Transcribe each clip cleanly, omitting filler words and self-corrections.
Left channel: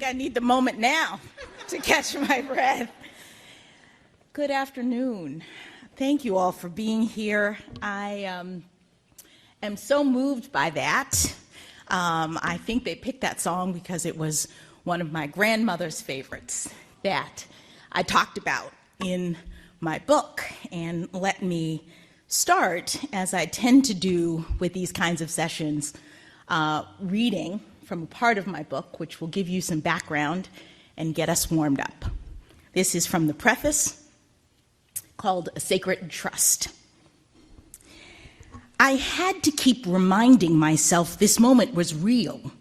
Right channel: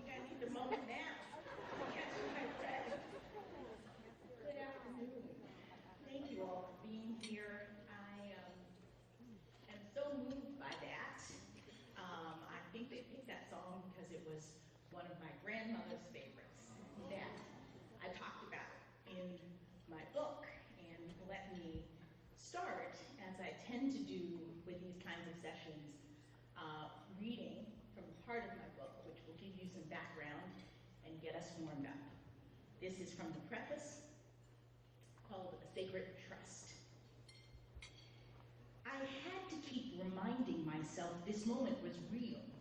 think I need the moment now to catch my breath. Good afternoon. Thank you all for being here. I am so moved by that. I think they picked that song because it was one of my grandmother's favorites that I talked about in my book. And let me start, as I tend to do with these kinds of sessions, reading from a part of my book, which will give you some background and get us warmed up. This is from the preface, called A Sacred Trust. I had to keep reminding myself this moment was real.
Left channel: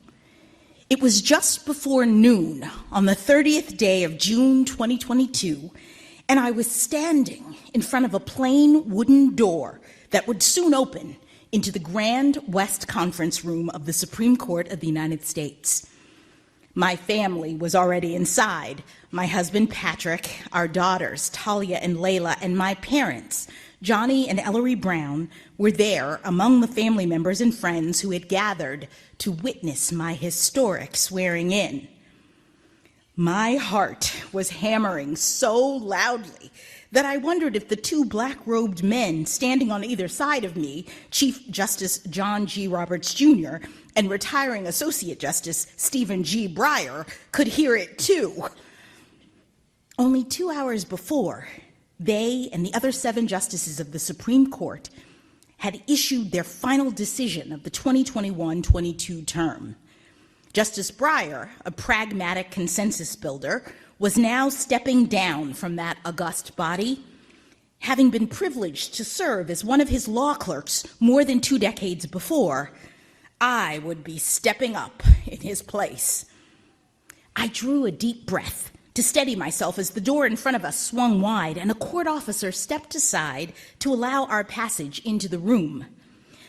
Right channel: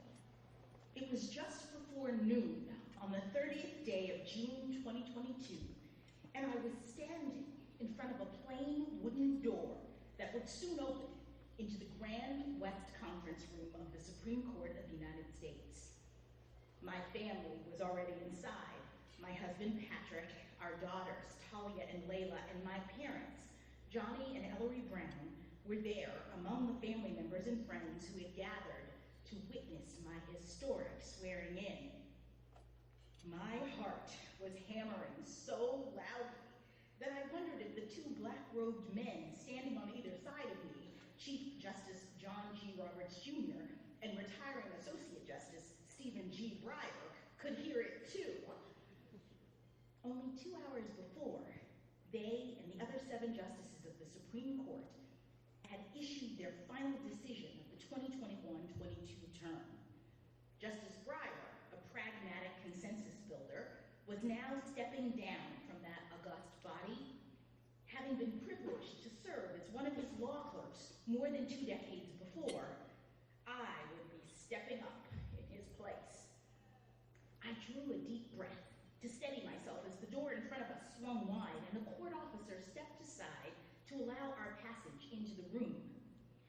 It was just before noon on the 30th day of June 2022, and I was standing in front of a plain wooden door that would soon open into the Grand West Conference Room of the Supreme Court of the United States. My family was already inside. My husband, Patrick, our daughters, Talia and Layla, and my parents, Johnny and Ellery Brown, were there among the family members and friends who had gathered to witness my historic swearing in. My heart was hammering so loudly that I wondered if the two black-robed men standing on either side of me, Chief Justice John G. Roberts Jr. and retiring Associate Justice Stephen G. Breyer, could hear it too. Only 2 hours before, they and the other 7 justices of the Supreme Court had issued their final decision of the 2021-22 term. Justice Breyer, a pragmatic consensus builder, was now stepping down from that august body, having been privileged to serve as one of his law clerks more than 2 decades before. I would be stepping up in his place. I drew a deep breath to steady myself as the door in front of us swung wide and a court officer stepped aside to allow our passage into the room.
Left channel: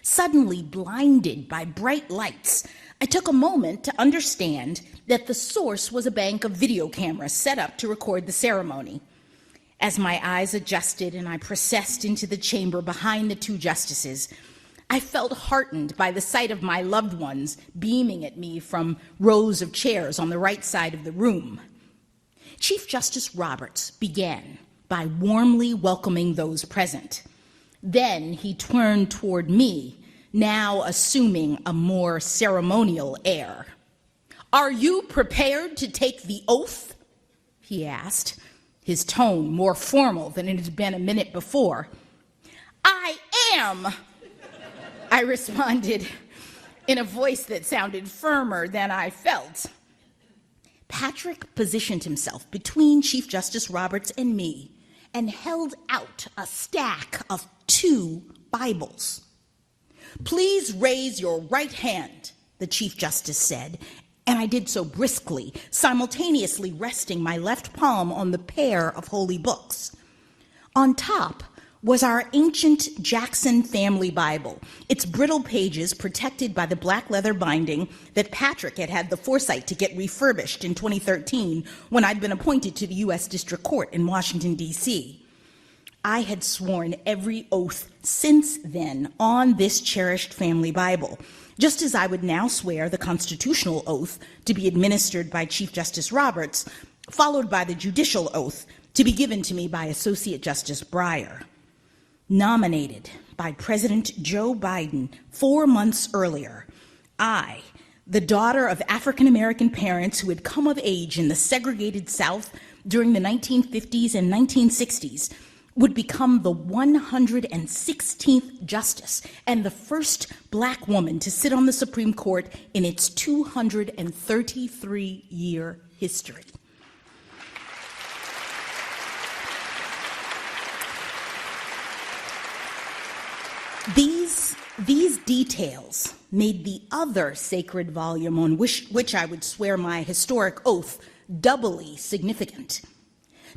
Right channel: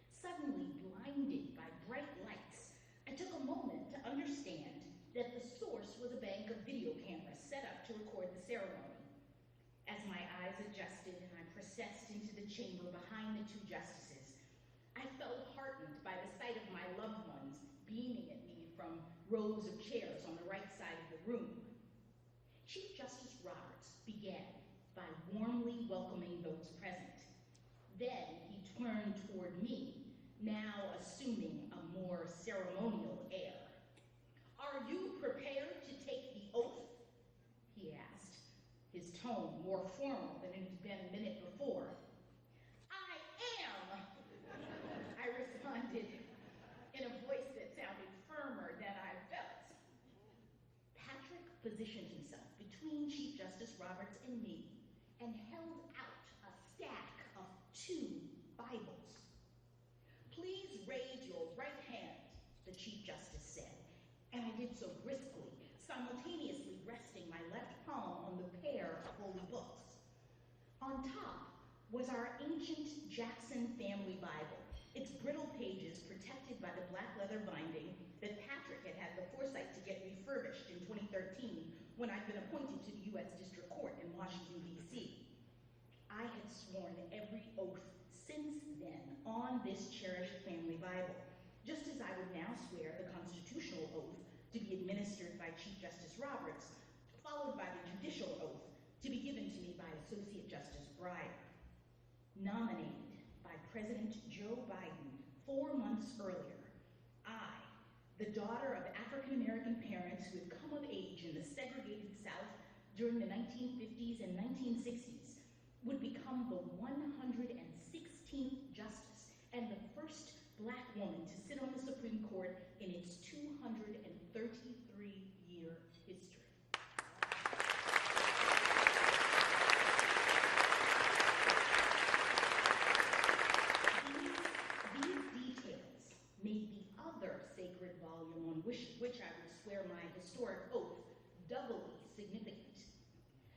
Suddenly blinded by bright lights, I took a moment to understand that the source was a bank of video cameras set up to record the ceremony. As my eyes adjusted and I processed into the chamber behind the 2 justices, I felt heartened by the sight of my loved ones beaming at me from rows of chairs on the right side of the room. Chief Justice Roberts began by warmly welcoming those present. Then he turned toward me, now assuming a more ceremonial air. "Are you prepared to take the oath?" he asked, his tone more formal than it had been a minute before. "I am," I responded in a voice that sounded firmer than I felt. Patrick positioned himself between Chief Justice Roberts and me and held out a stack of 2 Bibles. "Please raise your right hand," the Chief Justice said, and I did so briskly, simultaneously resting my left palm on the pair of holy books. On top was our ancient Jackson family Bible, its brittle pages protected by the black leather binding that Patrick had had the foresight to get refurbished in 2013 when I'd been appointed to the U.S. District Court in Washington, D.C. I had sworn every oath since then on this cherished family Bible, just as I would now swear the constitutional oath to be administered by Chief Justice Roberts, followed by the judicial oath to be given to me by Associate Justice Breyer. Nominated by President Joe Biden 4 months earlier, I, the daughter of African-American parents who had come of age in the segregated South during the 1950s and 1960s, would become the 116th justice and the first black woman to sit on the Supreme Court in its 233-year history. These details made the other sacred volume on which I would swear my historic oath doubly significant.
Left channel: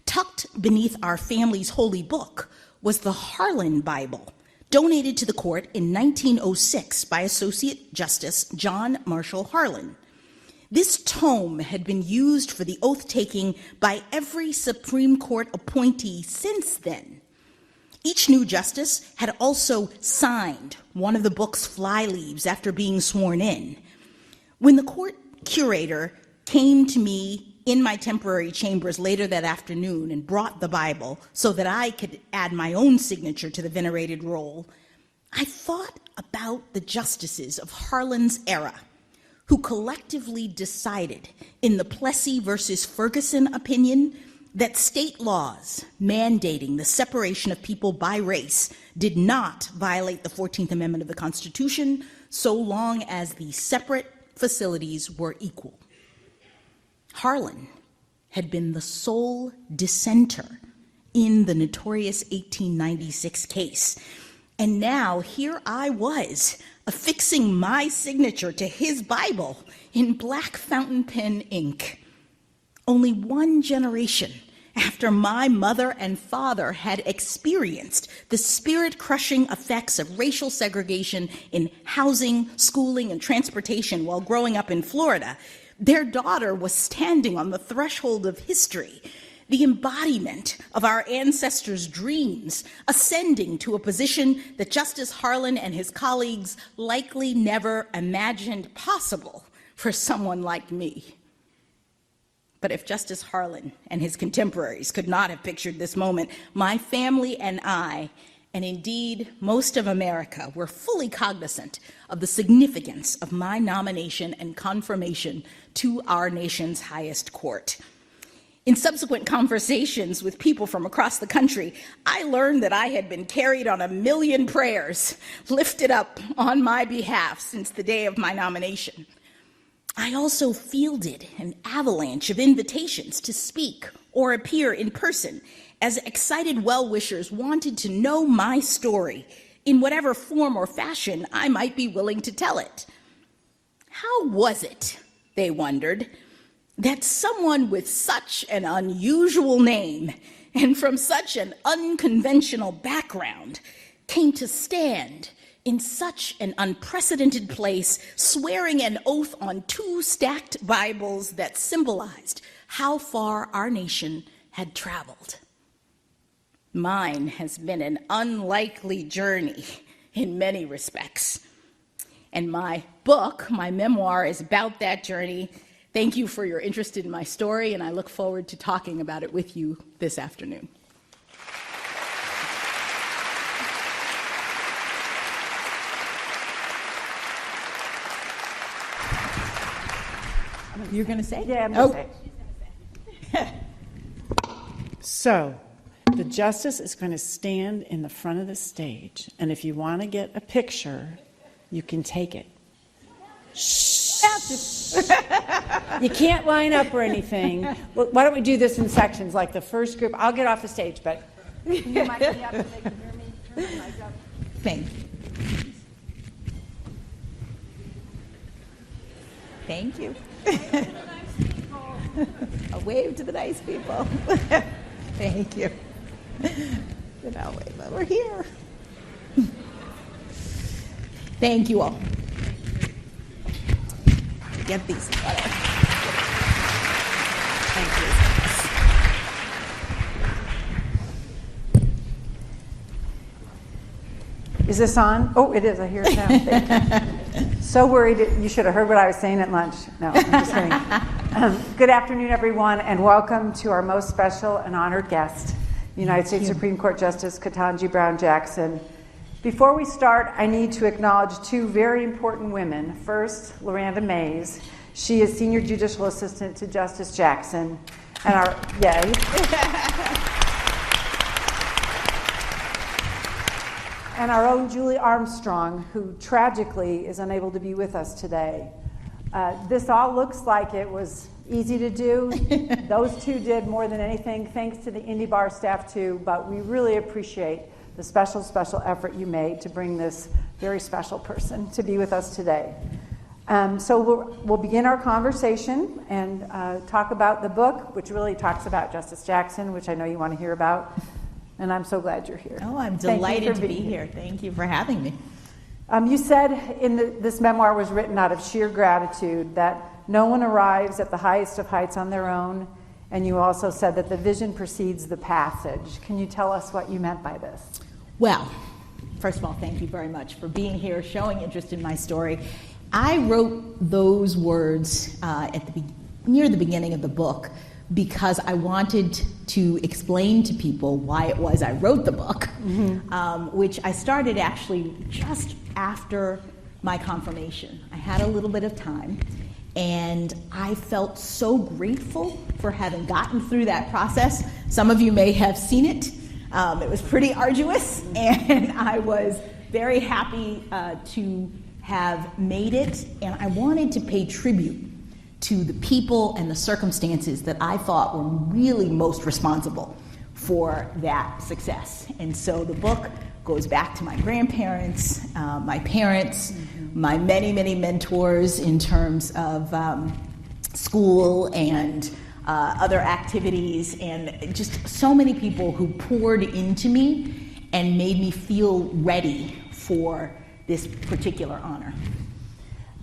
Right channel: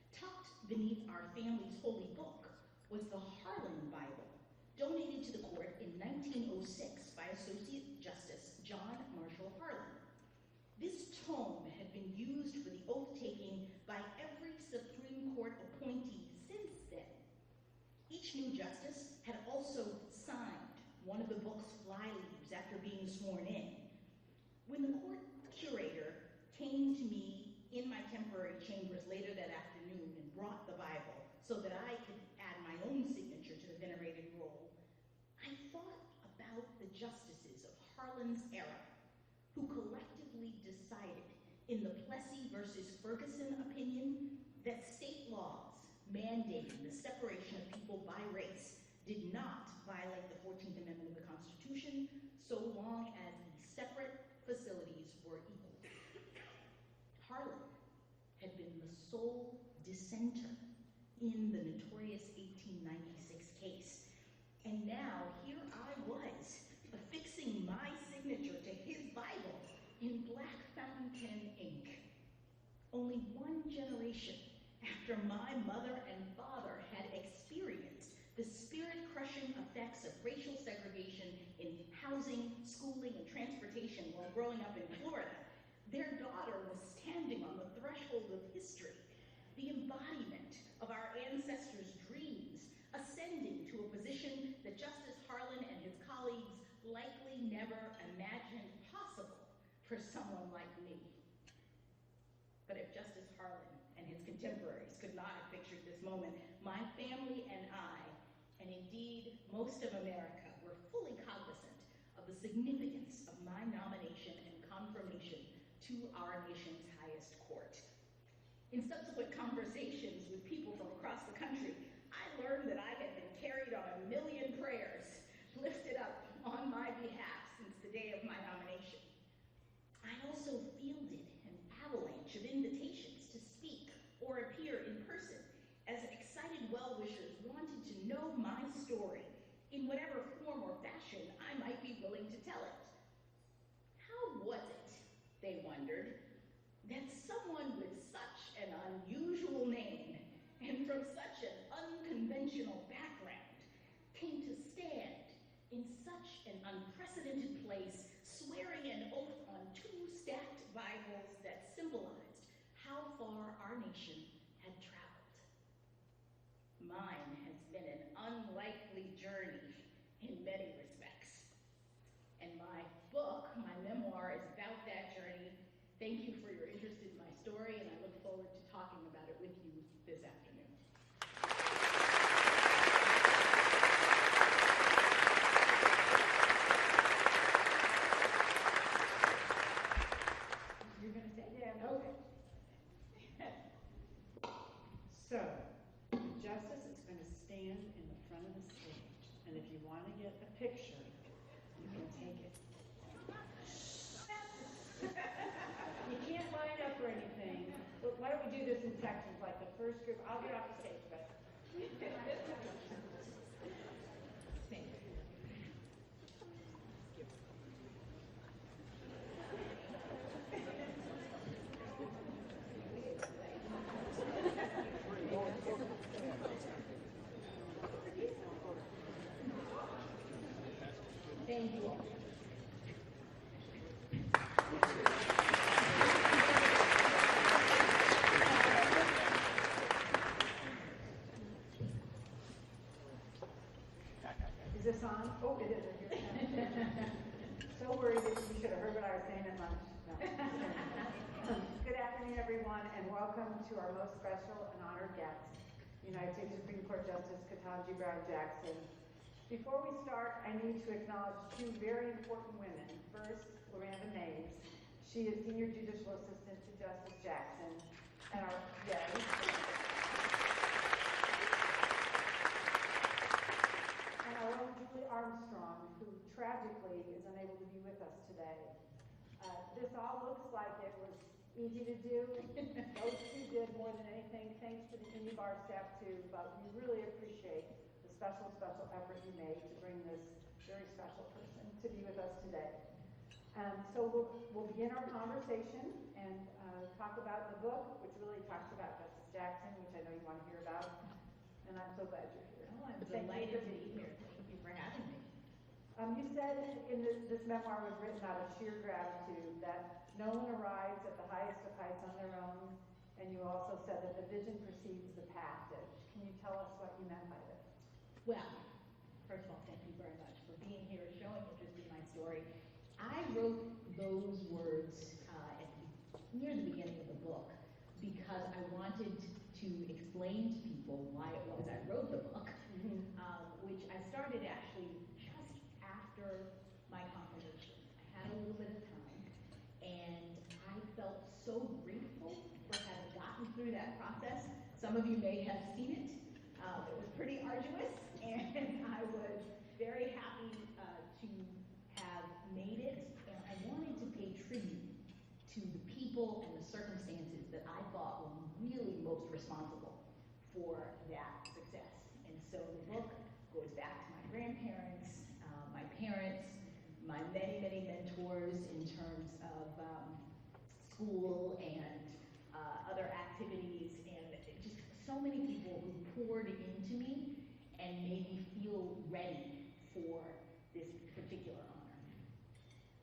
Tucked beneath our family's holy book was the Harlan Bible, donated to the court in 1906 by Associate Justice John Marshall Harlan. This tome had been used for the oath-taking by every Supreme Court appointee since then. Each new justice had also signed one of the book's flyleaves after being sworn in. When the court curator came to me in my temporary chambers later that afternoon and brought the Bible so that I could add my own signature to the venerated roll, I thought about the justices of Harlan's era who collectively decided in the Plessy versus Ferguson opinion that state laws mandating the separation of people by race did not violate the 14th Amendment of the Constitution so long as the separate facilities were equal. Harlan had been the sole dissenter in the notorious 1896 case. And now here I was, affixing my signature to his Bible in black fountain pen ink. Only one generation after my mother and father had experienced the spirit-crushing effects of racial segregation in housing, schooling, and transportation while growing up in Florida, their daughter was standing on the threshold of history, the embodiment of our ancestors' dreams, ascending to a position that Justice Harlan and his colleagues likely never imagined possible for someone like me. But if Justice Harlan and his contemporaries could not have pictured this moment, my family and I, and indeed most of America, were fully cognizant of the significance of my nomination and confirmation to our nation's highest court. In subsequent conversations with people from across the country, I learned that I had been carried on 1,000,000 prayers lifted up on my behalf since the day of my nomination. I also fielded an avalanche of invitations to speak or appear in person as excited well-wishers wanted to know my story in whatever form or fashion I might be willing to tell it. How was it, they wondered, that someone with such an unusual name and from such an unconventional background came to stand in such an unprecedented place, swearing an oath on 2 stacked Bibles that symbolized how far our nation had traveled? Mine has been an unlikely journey in many respects. And my book, my memoir, is about that journey. Thank you for your interest in my story, and I look forward to talking about it with you this afternoon. You're going to say? Yeah, I'm going to say. So, the justice is going to stand in the front of the stage, and if you want to get a picture, you can take it. Shh. You can't line up or anything. Well, why don't we do this in sections, like the first group? I'll get off the stage, but you might be up so they can hear me. Turn the mic up. Thank you. Thank you. A wave to the nice people. Thank you. Then I'll wave over here. Thank you all. Get these together. Thank you. Is this on? Oh, it is. I hear it now. Thank you. So worried you should have heard what I was saying at lunch. No, I'm just kidding. Good afternoon, everyone, and welcome to our most special and honored guest, United States Supreme Court Justice Ketanji Brown Jackson. Before we start, I need to acknowledge 2 very important women. First, Loranda Mays. She is Senior Judicial Assistant to Justice Jackson. And our, and our own Julie Armstrong, who tragically is unable to be with us today. This all looks like it was easy to do. Those 2 did more than anything, thanks to the Indy Bar staff too, but we really appreciate the special effort you made to bring this very special person to be with us today. So we'll begin our conversation and talk about the book, which really talks about Justice Jackson, which I know you want to hear about. And I'm so glad you're here. Oh, I'm delighted to be here. Thank you for having me. You said this memoir was written out of sheer gratitude, that no one arrives at the highest of heights on their own, and you also said that the vision precedes the passage. Can you tell us what you meant by this? Well, first of all, thank you very much for being here, showing interest in my story. I wrote those words at the near the beginning of the book because I wanted to explain to people why it was I wrote the book, which I started actually just after my confirmation. I had a little bit of time, and I felt so grateful for having gotten through that process. Some of you may have seen it. It was pretty arduous, and I was very happy to have made it, and I wanted to pay tribute to the people and the circumstances that I thought were really most responsible for that success. And so the book goes back to my grandparents, my parents, my many, many mentors in terms of school and other activities, and just so many people who poured into me and made me feel ready for this particular honor.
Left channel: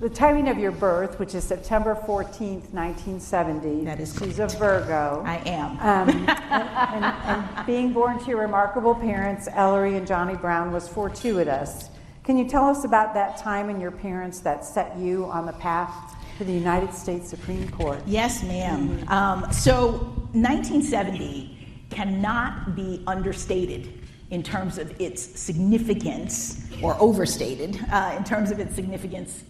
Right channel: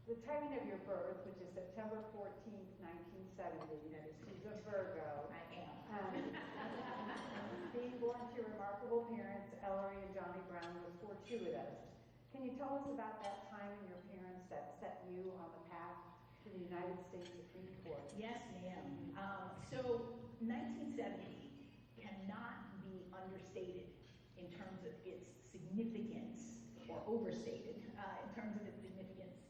The timing of your birth, which is September 14th, 1970. That is She's a Virgo. I am. And being born to your remarkable parents, Ellery and Johnny Brown, was fortuitous. Can you tell us about that time and your parents that set you on the path to the United States Supreme Court? Yes, ma'am. So 1970 cannot be understated in terms of its significance, or overstated in terms of its significance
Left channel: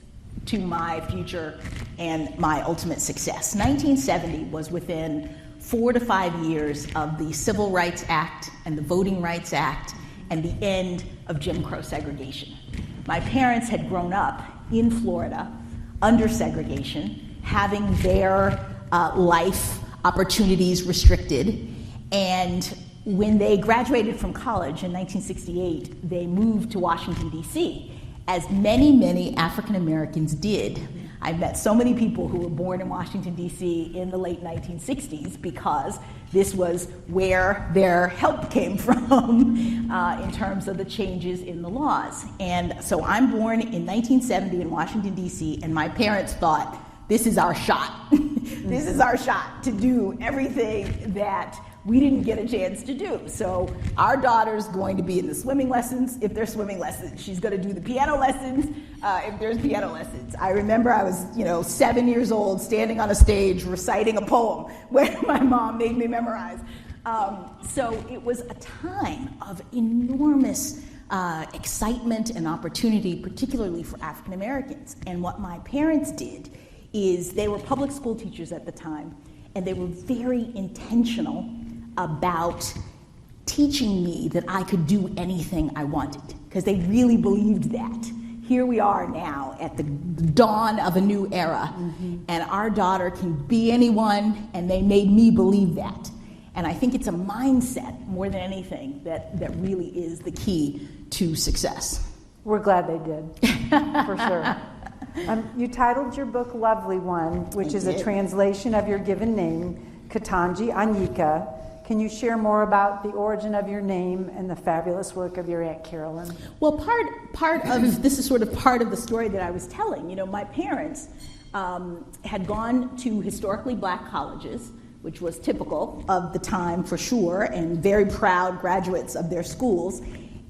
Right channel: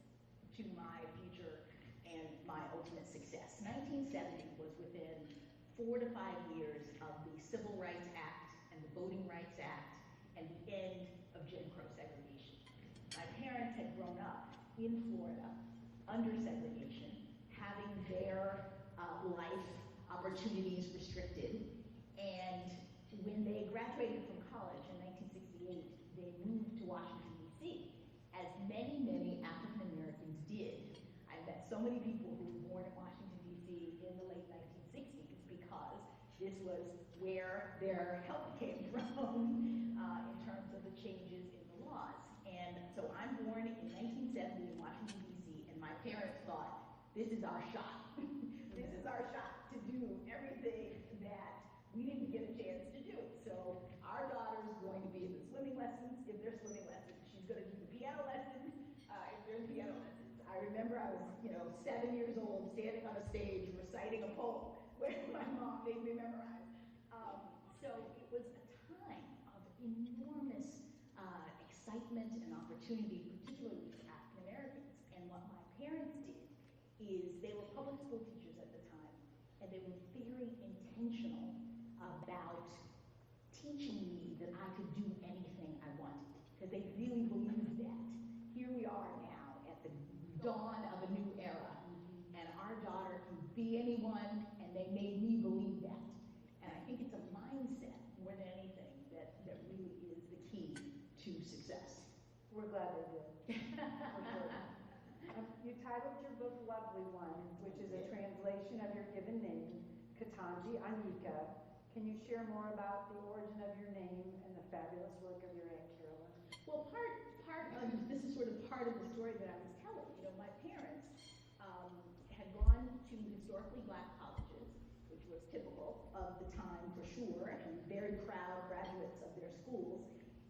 to my future and my ultimate success. 1970 was within 4 to 5 years of the Civil Rights Act and the Voting Rights Act and the end of Jim Crow segregation. My parents had grown up in Florida under segregation, having their life opportunities restricted, and when they graduated from college in 1968, they moved to Washington, D.C., as many, many African Americans did. I met so many people who were born in Washington, D.C. in the late 1960s because this was where their help came from in terms of the changes in the laws. And so I'm born in 1970 in Washington, D.C., and my parents thought, this is our shot. This is our shot to do everything that we didn't get a chance to do. So our daughter's going to be in the swimming lessons if there's swimming lessons. She's going to do the piano lessons if there's piano lessons. I remember I was, 7 years old, standing on a stage reciting a poem where my mom made me memorize. So it was a time of enormous excitement and opportunity, particularly for African Americans. And what my parents did is they were public school teachers at the time, and they were very intentional about teaching me that I could do anything I wanted, because they really believed that. Here we are now at the dawn of a new era, and our daughter can be anyone, and they made me believe that. And I think it's a mindset, more than anything, that really is the key to success. We're glad they did, for sure. You titled your book Lovely One, which is a translation of your given name, Ketanji Anyika. Can you share more about the origin of your name and the fabulous work of your Aunt Carolyn? Well, part of this is sort of part of the story that I was telling. My parents had gone to historically black colleges, which was typical of the time for sure, and very proud graduates of their schools.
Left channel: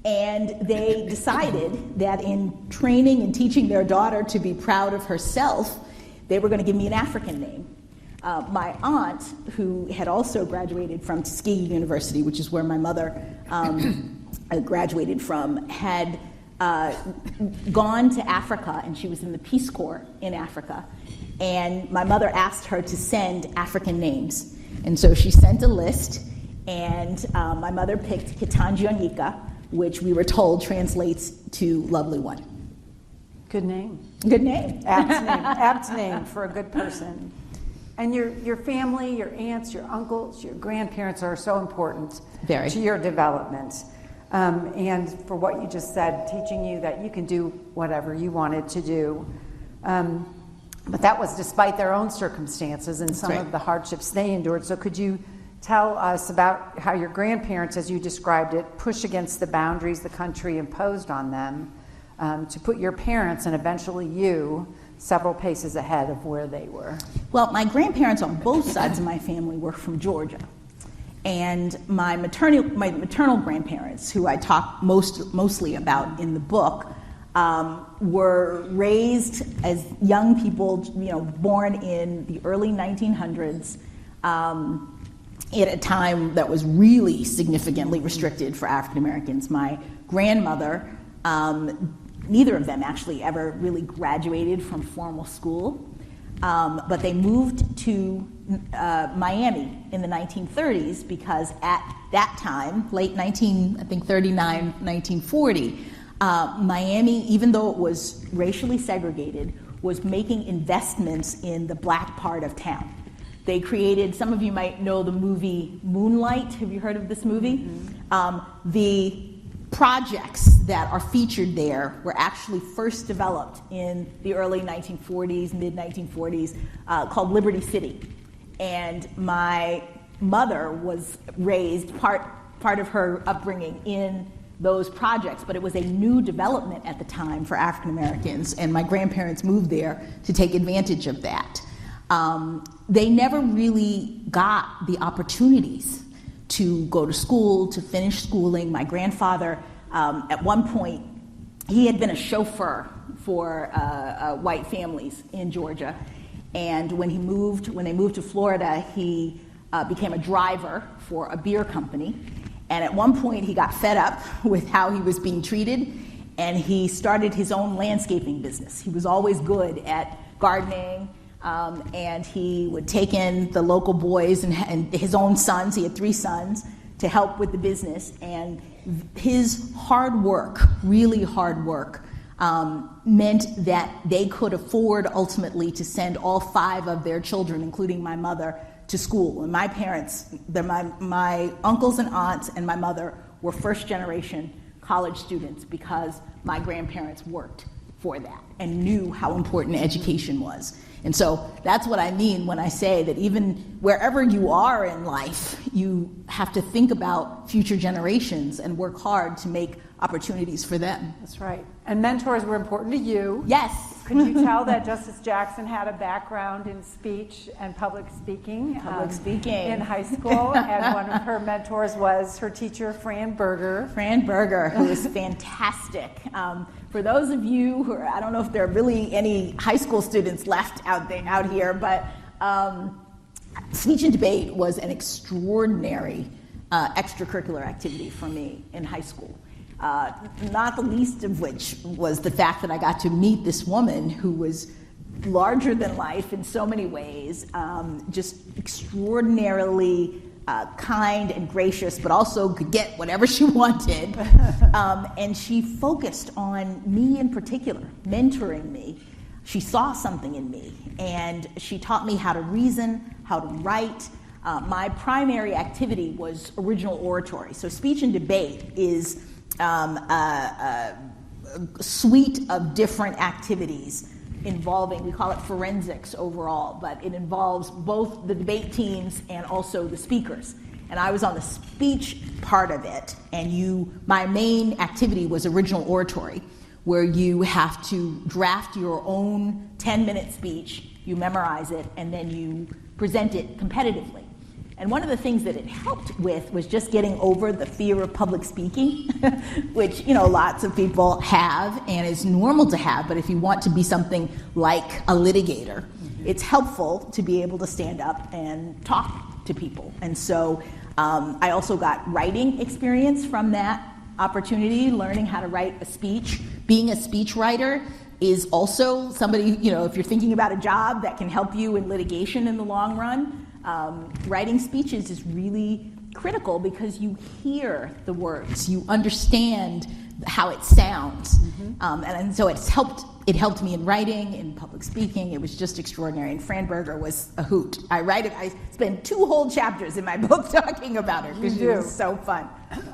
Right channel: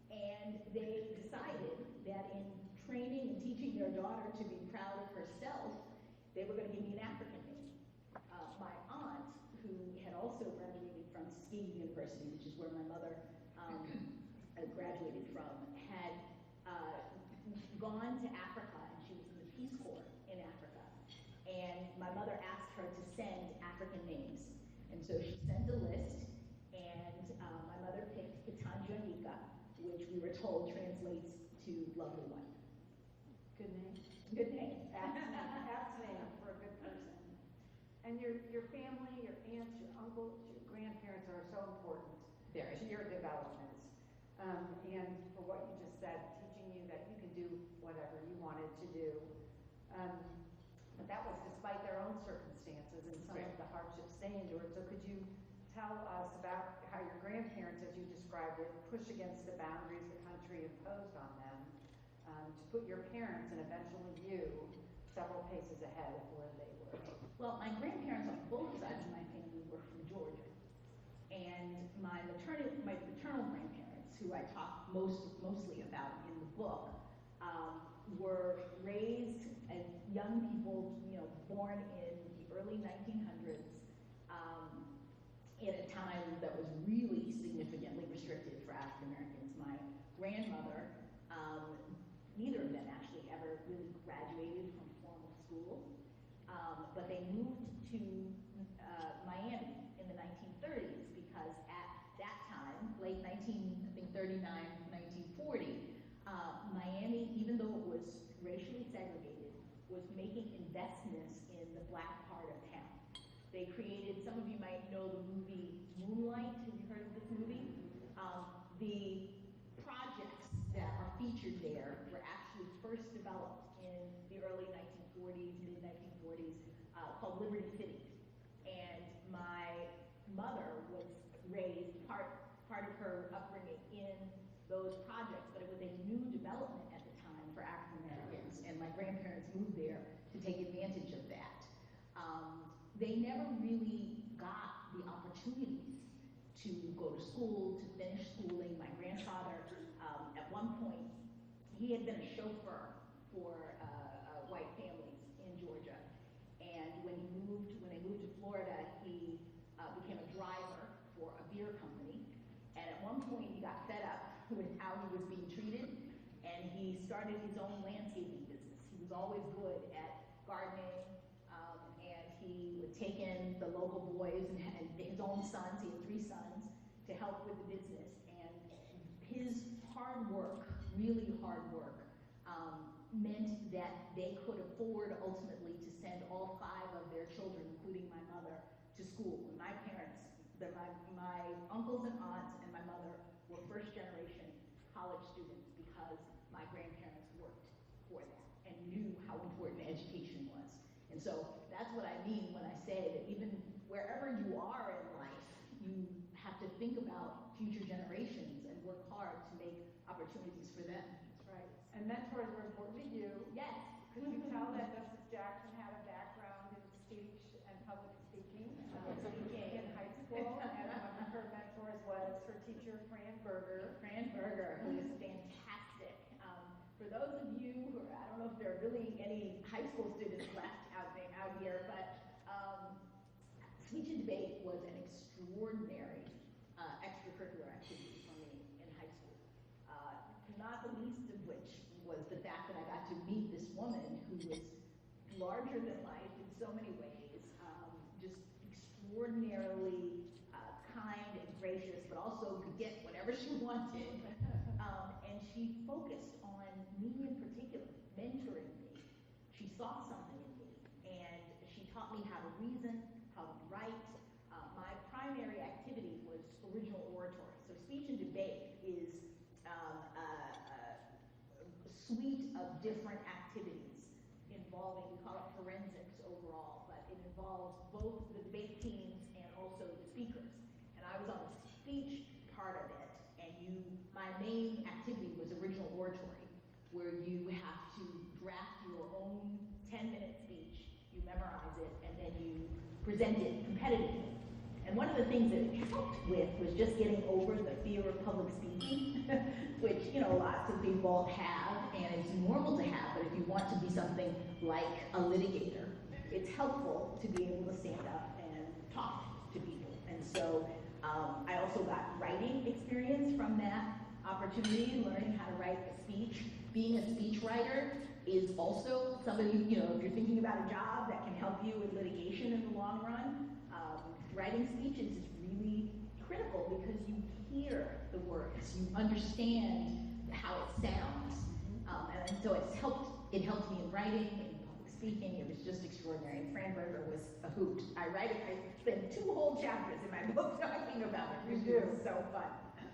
And they decided that in training and teaching their daughter to be proud of herself, they were going to give me an African name. My aunt, who had also graduated from Tuskegee University, which is where my mother graduated from, had gone to Africa, and she was in the Peace Corps in Africa. And my mother asked her to send African names. And so she sent a list, and my mother picked Ketanji Anyika, which we were told translates to Lovely One. Good name. Good name. Apt name for a good person. And your family, your aunts, your uncles, your grandparents are so important to your development. And for what you just said, teaching you that you can do whatever you wanted to do. But that was despite their own circumstances and some of the hardships they endured. So could you tell us about how your grandparents, as you described it, pushed against the boundaries the country imposed on them to put your parents and eventually you several paces ahead of where they were? Well, my grandparents on both sides of my family were from Georgia. And my maternal grandparents, who I talk mostly about in the book, were raised as young people, born in the early 1900s, at a time that was really significantly restricted for African Americans. My grandmother, neither of them actually ever really graduated from formal school, but they moved to Miami in the 1930s because at that time, late 1939, 1940, Miami, even though it was racially segregated, was making investments in the black part of town. They created, some of you might know the movie Moonlight. Have you heard of this movie? Mm-hmm. The projects that are featured there were actually first developed in the early 1940s, mid-1940s, called Liberty City. And my mother was raised, part of her upbringing, in those projects, but it was a new development at the time for African Americans, and my grandparents moved there to take advantage of that. They never really got the opportunities to go to school, to finish schooling. My grandfather, at one point, he had been a chauffeur for white families in Georgia, and when they moved to Florida, he became a driver for a beer company. And at one point, he got fed up with how he was being treated, and he started his own landscaping business. He was always good at gardening, and he would take in the local boys and his own sons. He had 3 sons to help with the business. And his hard work, really hard work, meant that they could afford ultimately to send all 5 of their children, including my mother, to school. And my parents, my uncles and aunts and my mother were first-generation college students because my grandparents worked for that and knew how important education was. And so that's what I mean when I say that even wherever you are in life, you have to think about future generations and work hard to make opportunities for them. That's right. And mentors were important to you. Yes. Could you tell that Justice Jackson had a background in speech and public speaking? In high school, and one of her mentors was her teacher, Fran Berger. Fran Berger, who is fantastic. For those of you who are, I don't know if there are really any high school students left out here, but speech and debate was an extraordinary extracurricular activity for me in high school. Not the least of which was the fact that I got to meet this woman who was larger than life in so many ways, just extraordinarily kind and gracious, but also could get whatever she wanted. And she focused on me in particular, mentoring me. She saw something in me, and she taught me how to reason, how to write. My primary activity was original oratory. So speech and debate is a suite of different activities involving, we call it forensics overall, but it involves both the debate teams and also the speakers. And I was on the speech part of it, and my main activity was original oratory, where you have to draft your own 10-minute speech, you memorize it, and then you present it competitively. And one of the things that it helped with was just getting over the fear of public speaking, which lots of people have and is normal to have, but if you want to be something like a litigator, it's helpful to be able to stand up and talk to people. And so I also got writing experience from that opportunity, learning how to write a speech. Being a speech writer is also somebody, if you're thinking about a job that can help you in litigation in the long run, writing speeches is really critical because you hear the words, you understand how it sounds, and so it helped me in writing, in public speaking. It was just extraordinary, and Fran Berger was a hoot. I spent 2 whole chapters in my book talking about her because she was so fun.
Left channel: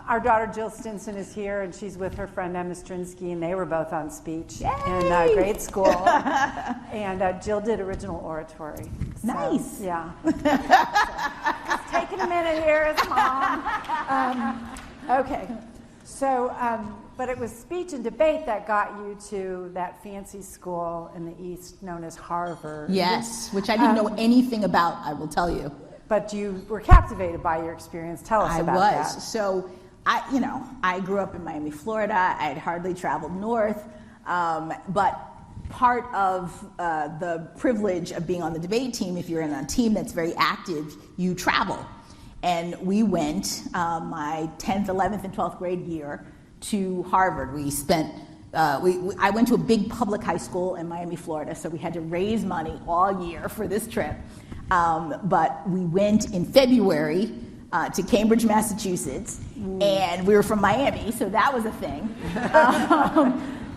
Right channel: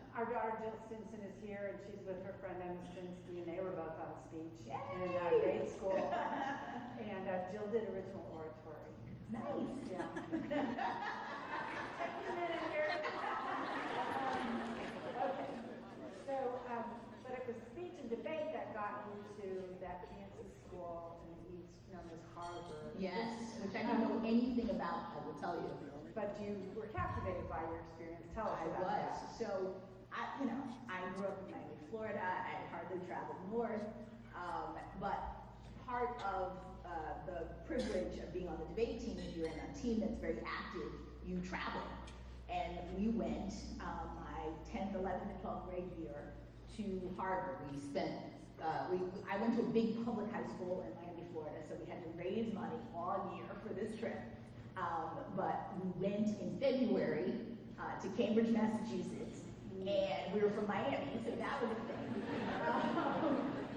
Our daughter Jill Stinson is here, and she's with her friend Emma Strinsky, and they were both on speech in grade school. And Jill did original oratory. So, nice. Yeah. Just taking a minute here as mom. Okay. So, but it was speech and debate that got you to that fancy school in the East known as Harvard. Yes, which I didn't know anything about, I will tell you. But you were captivated by your experience. Tell us about that. I was. So, I grew up in Miami, Florida. I had hardly traveled north. But part of the privilege of being on the debate team, if you're in a team that's very active, you travel. And we went my 10th, 11th, and 12th grade year to Harvard. We spent, I went to a big public high school in Miami, Florida, so we had to raise money all year for this trip. But we went in February to Cambridge, Massachusetts, and we were from Miami, so that was a thing.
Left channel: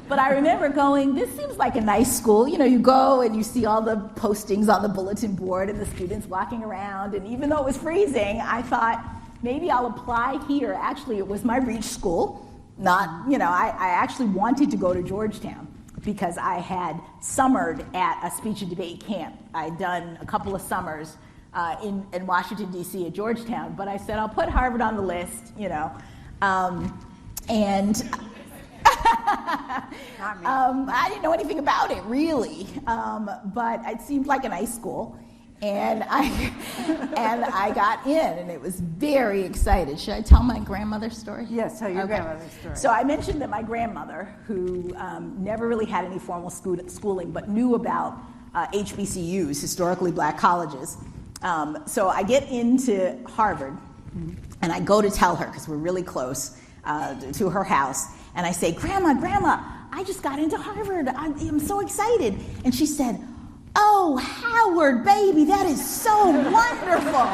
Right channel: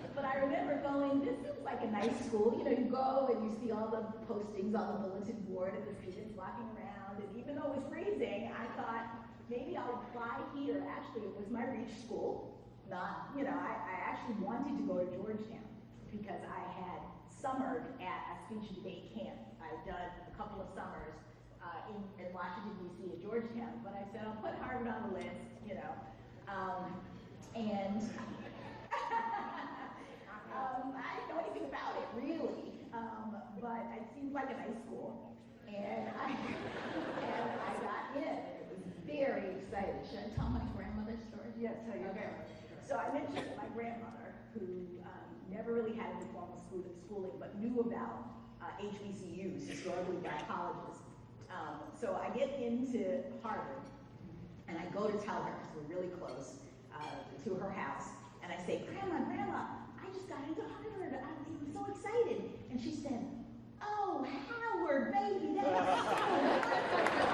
But I remember going, this seems like a nice school. You know, you go and you see all the postings on the bulletin board and the students walking around, and even though it was freezing, I thought, maybe I'll apply here. Actually, it was my reach school. Not, you know, I actually wanted to go to Georgetown because I had summered at a speech and debate camp. I'd done a couple of summers in Washington, D.C. at Georgetown, but I said, I'll put Harvard on the list, you know. And I didn't know anything about it, really, but it seemed like a nice school, and I got in, and it was very excited. Should I tell my grandmother's story? Yes, tell your grandmother's story. So I mentioned that my grandmother, who never really had any formal schooling, but knew about HBCUs, historically black colleges. So I get into Harvard, and I go to tell her, because we're really close, to her house, and I say, Grandma, I just got into Harvard. I'm so excited. And she said, oh, Howard, baby, that is so wonderful.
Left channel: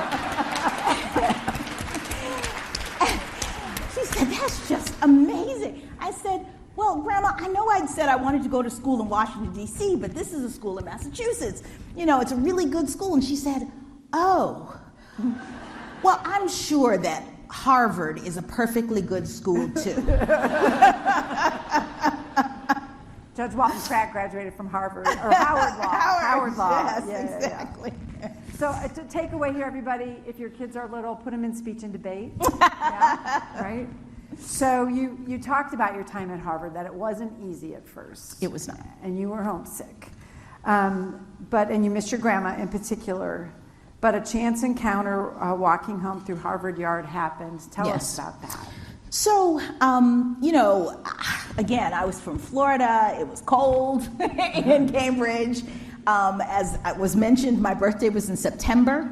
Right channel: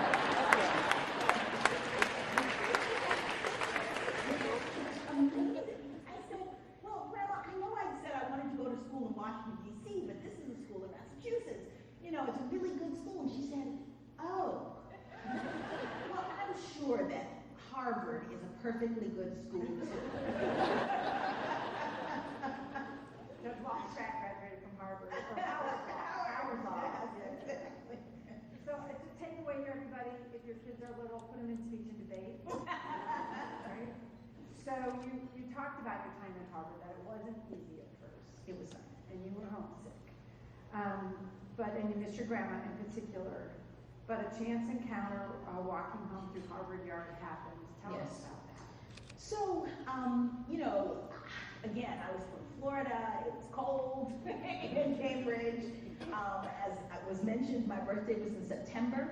She said, that's just amazing. I said, well, Grandma, I know I'd said I wanted to go to school in Washington, D.C., but this is a school in Massachusetts. You know, it's a really good school. And she said, oh, well, I'm sure that Harvard is a perfectly good school, too. Judge Walton Pratt graduated from Harvard, or Howard Law. Howard Law. Yes, Yeah. exactly. So to take away here, everybody, if your kids are little, put them in speech and debate. Yeah, right? So you talked about your time at Harvard, that it wasn't easy at first. It was not. And you were homesick. And you missed your grandma in particular. But a chance encounter walking home through Harvard Yard happened. Tell us about that. So, you know, again, I was from Florida. It was cold in Cambridge. As was mentioned, my birthday was in September.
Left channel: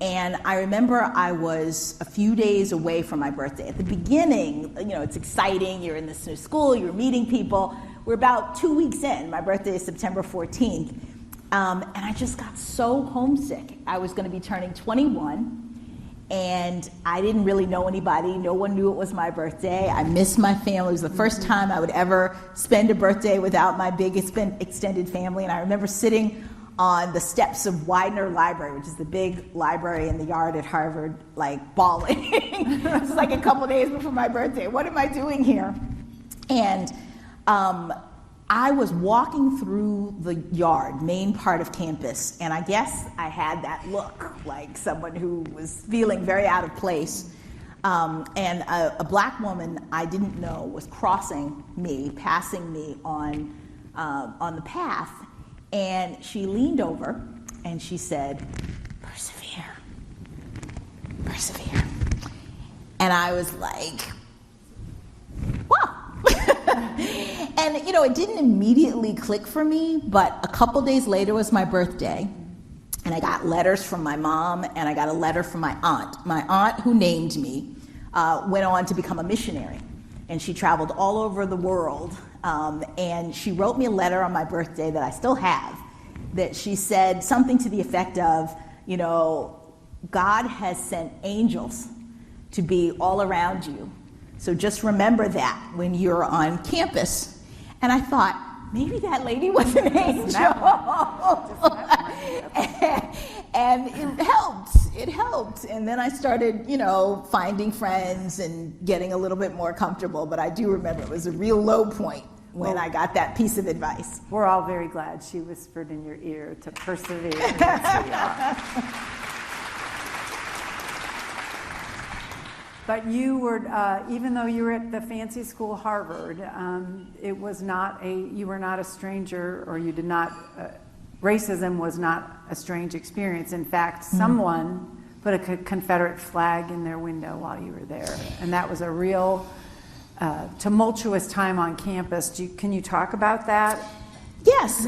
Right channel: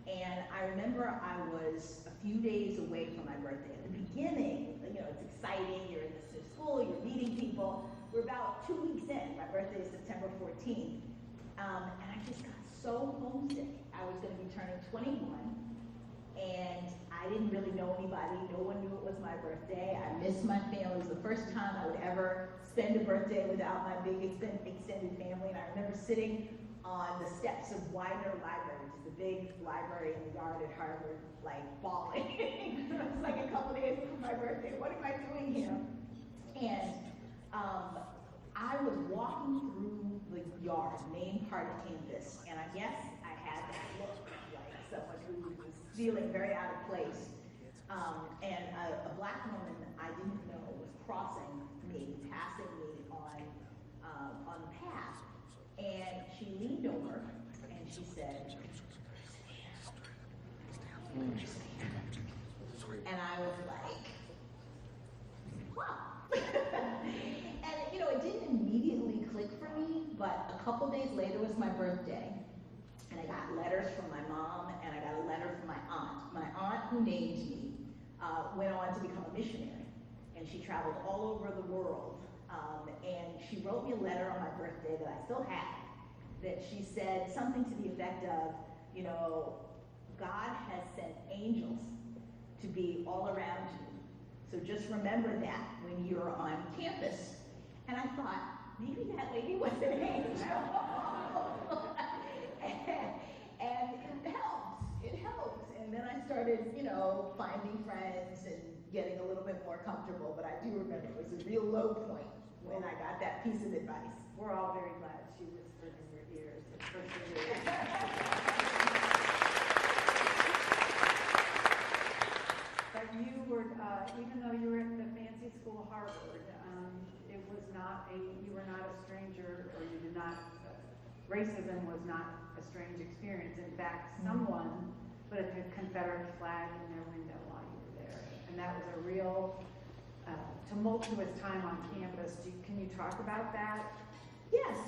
And I remember I was a few days away from my birthday. At the beginning, you know, it's exciting. You're in this new school. You're meeting people. We're about 2 weeks in. My birthday is September 14th. And I just got so homesick. I was going to be turning 21, and I didn't really know anybody. No one knew it was my birthday. I missed my family. It was the first time I would ever spend a birthday without my big extended family. And I remember sitting on the steps of Widener Library, which is the big library in the yard at Harvard, like bawling. It's like a couple days before my birthday. What am I doing here? And I was walking through the yard, main part of campus, and I guess I had that look like someone who was feeling very out of place. And a black woman I didn't know was crossing me, passing me on the path, and she leaned over and she said, persevere, persevere. And I was like, whoa. And, you know, it didn't immediately click for me, but a couple days later was my birthday, and I got letters from my mom, and I got a letter from my aunt. My aunt, who named me, went on to become a missionary, and she traveled all over the world, and she wrote me a letter on my birthday that I still have, that she said something to the effect of, you know, God has sent angels to be all around you. So just remember that when you're on campus. And I thought, maybe that lady was an angel. And it helped. And then I started, you know, finding friends and getting a little bit more comfortable. But I do remember it was a real low point when I got that piece of advice. We're all very glad she whispered in your ear to persevere. But you were, even though you were at the fancy school Harvard, you were not a stranger, or you did not, racism was not a strange experience. In fact, someone put a Confederate flag in their window while you were there. And that was a real tumultuous time on campus. Can you talk about that? Yes.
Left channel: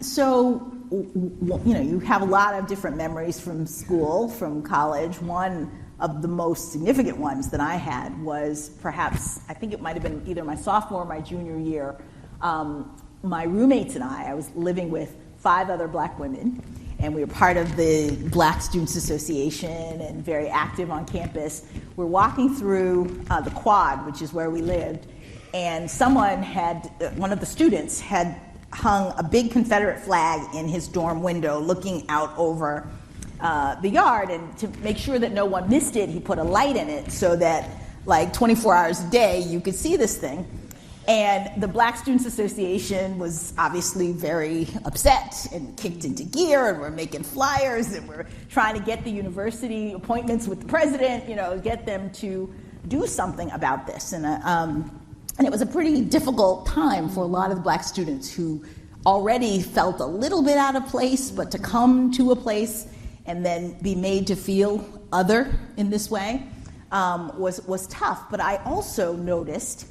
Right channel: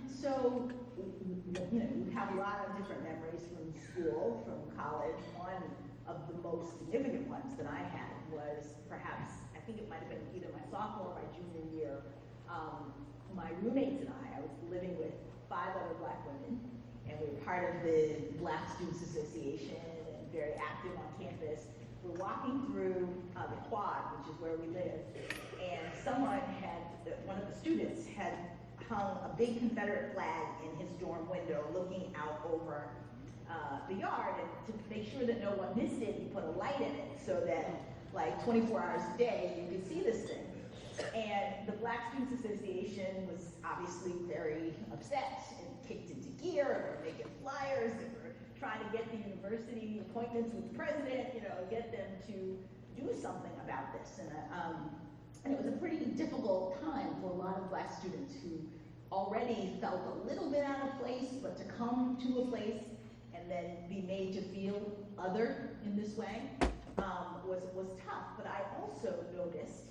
So, you have a lot of different memories from school, from college. One of the most significant ones that I had was perhaps, I think it might have been either my sophomore or my junior year. My roommates and I was living with 5 other black women, and we were part of the Black Students Association and very active on campus. We're walking through the quad, which is where we lived, and one of the students had hung a big Confederate flag in his dorm window looking out over the yard, and to make sure that no one missed it, he put a light in it so that like 24 hours a day you could see this thing. And the Black Students Association was obviously very upset and kicked into gear, and we're making flyers, and we're trying to get the university appointments with the president, get them to do something about this. And it was a pretty difficult time for a lot of the black students who already felt a little bit out of place, but to come to a place and then be made to feel other in this way was tough. But I also noticed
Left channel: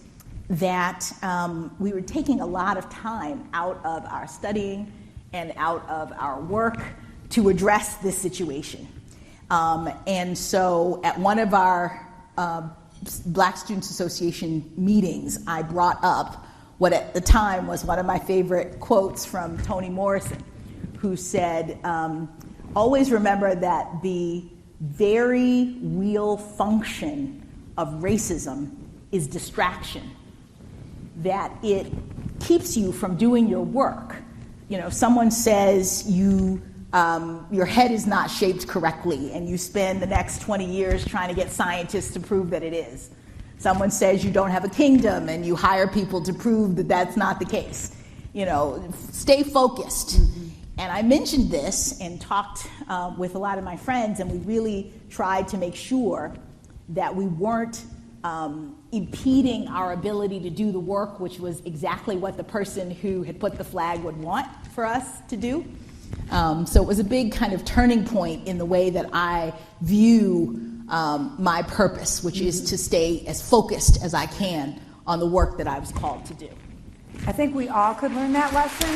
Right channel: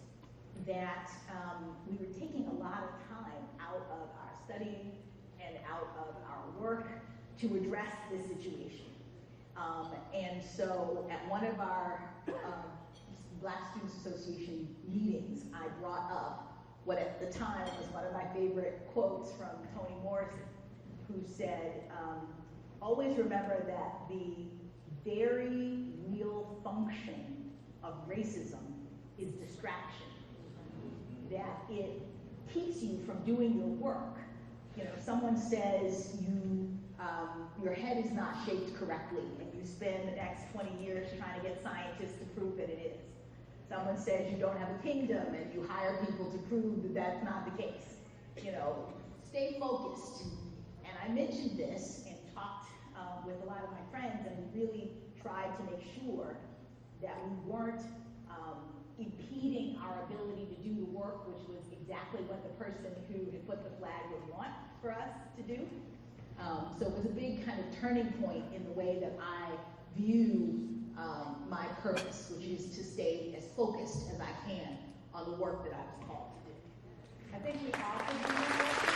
that we were taking a lot of time out of our studying and out of our work to address this situation. And so at one of our Black Students Association meetings, I brought up what at the time was one of my favorite quotes from Toni Morrison, who said, always remember that the very real function of racism is distraction, that it keeps you from doing your work. Someone says your head is not shaped correctly, and you spend the next 20 years trying to get scientists to prove that it is. Someone says you don't have a kingdom, and you hire people to prove that that's not the case. Stay focused. Mm-hmm. And I mentioned this and talked with a lot of my friends, and we really tried to make sure that we weren't impeding our ability to do the work, which was exactly what the person who had put the flag would want for us to do. So it was a big kind of turning point in the way that I view my purpose, which is to stay as focused as I can on the work that I was called to do. I think we all could learn that lesson.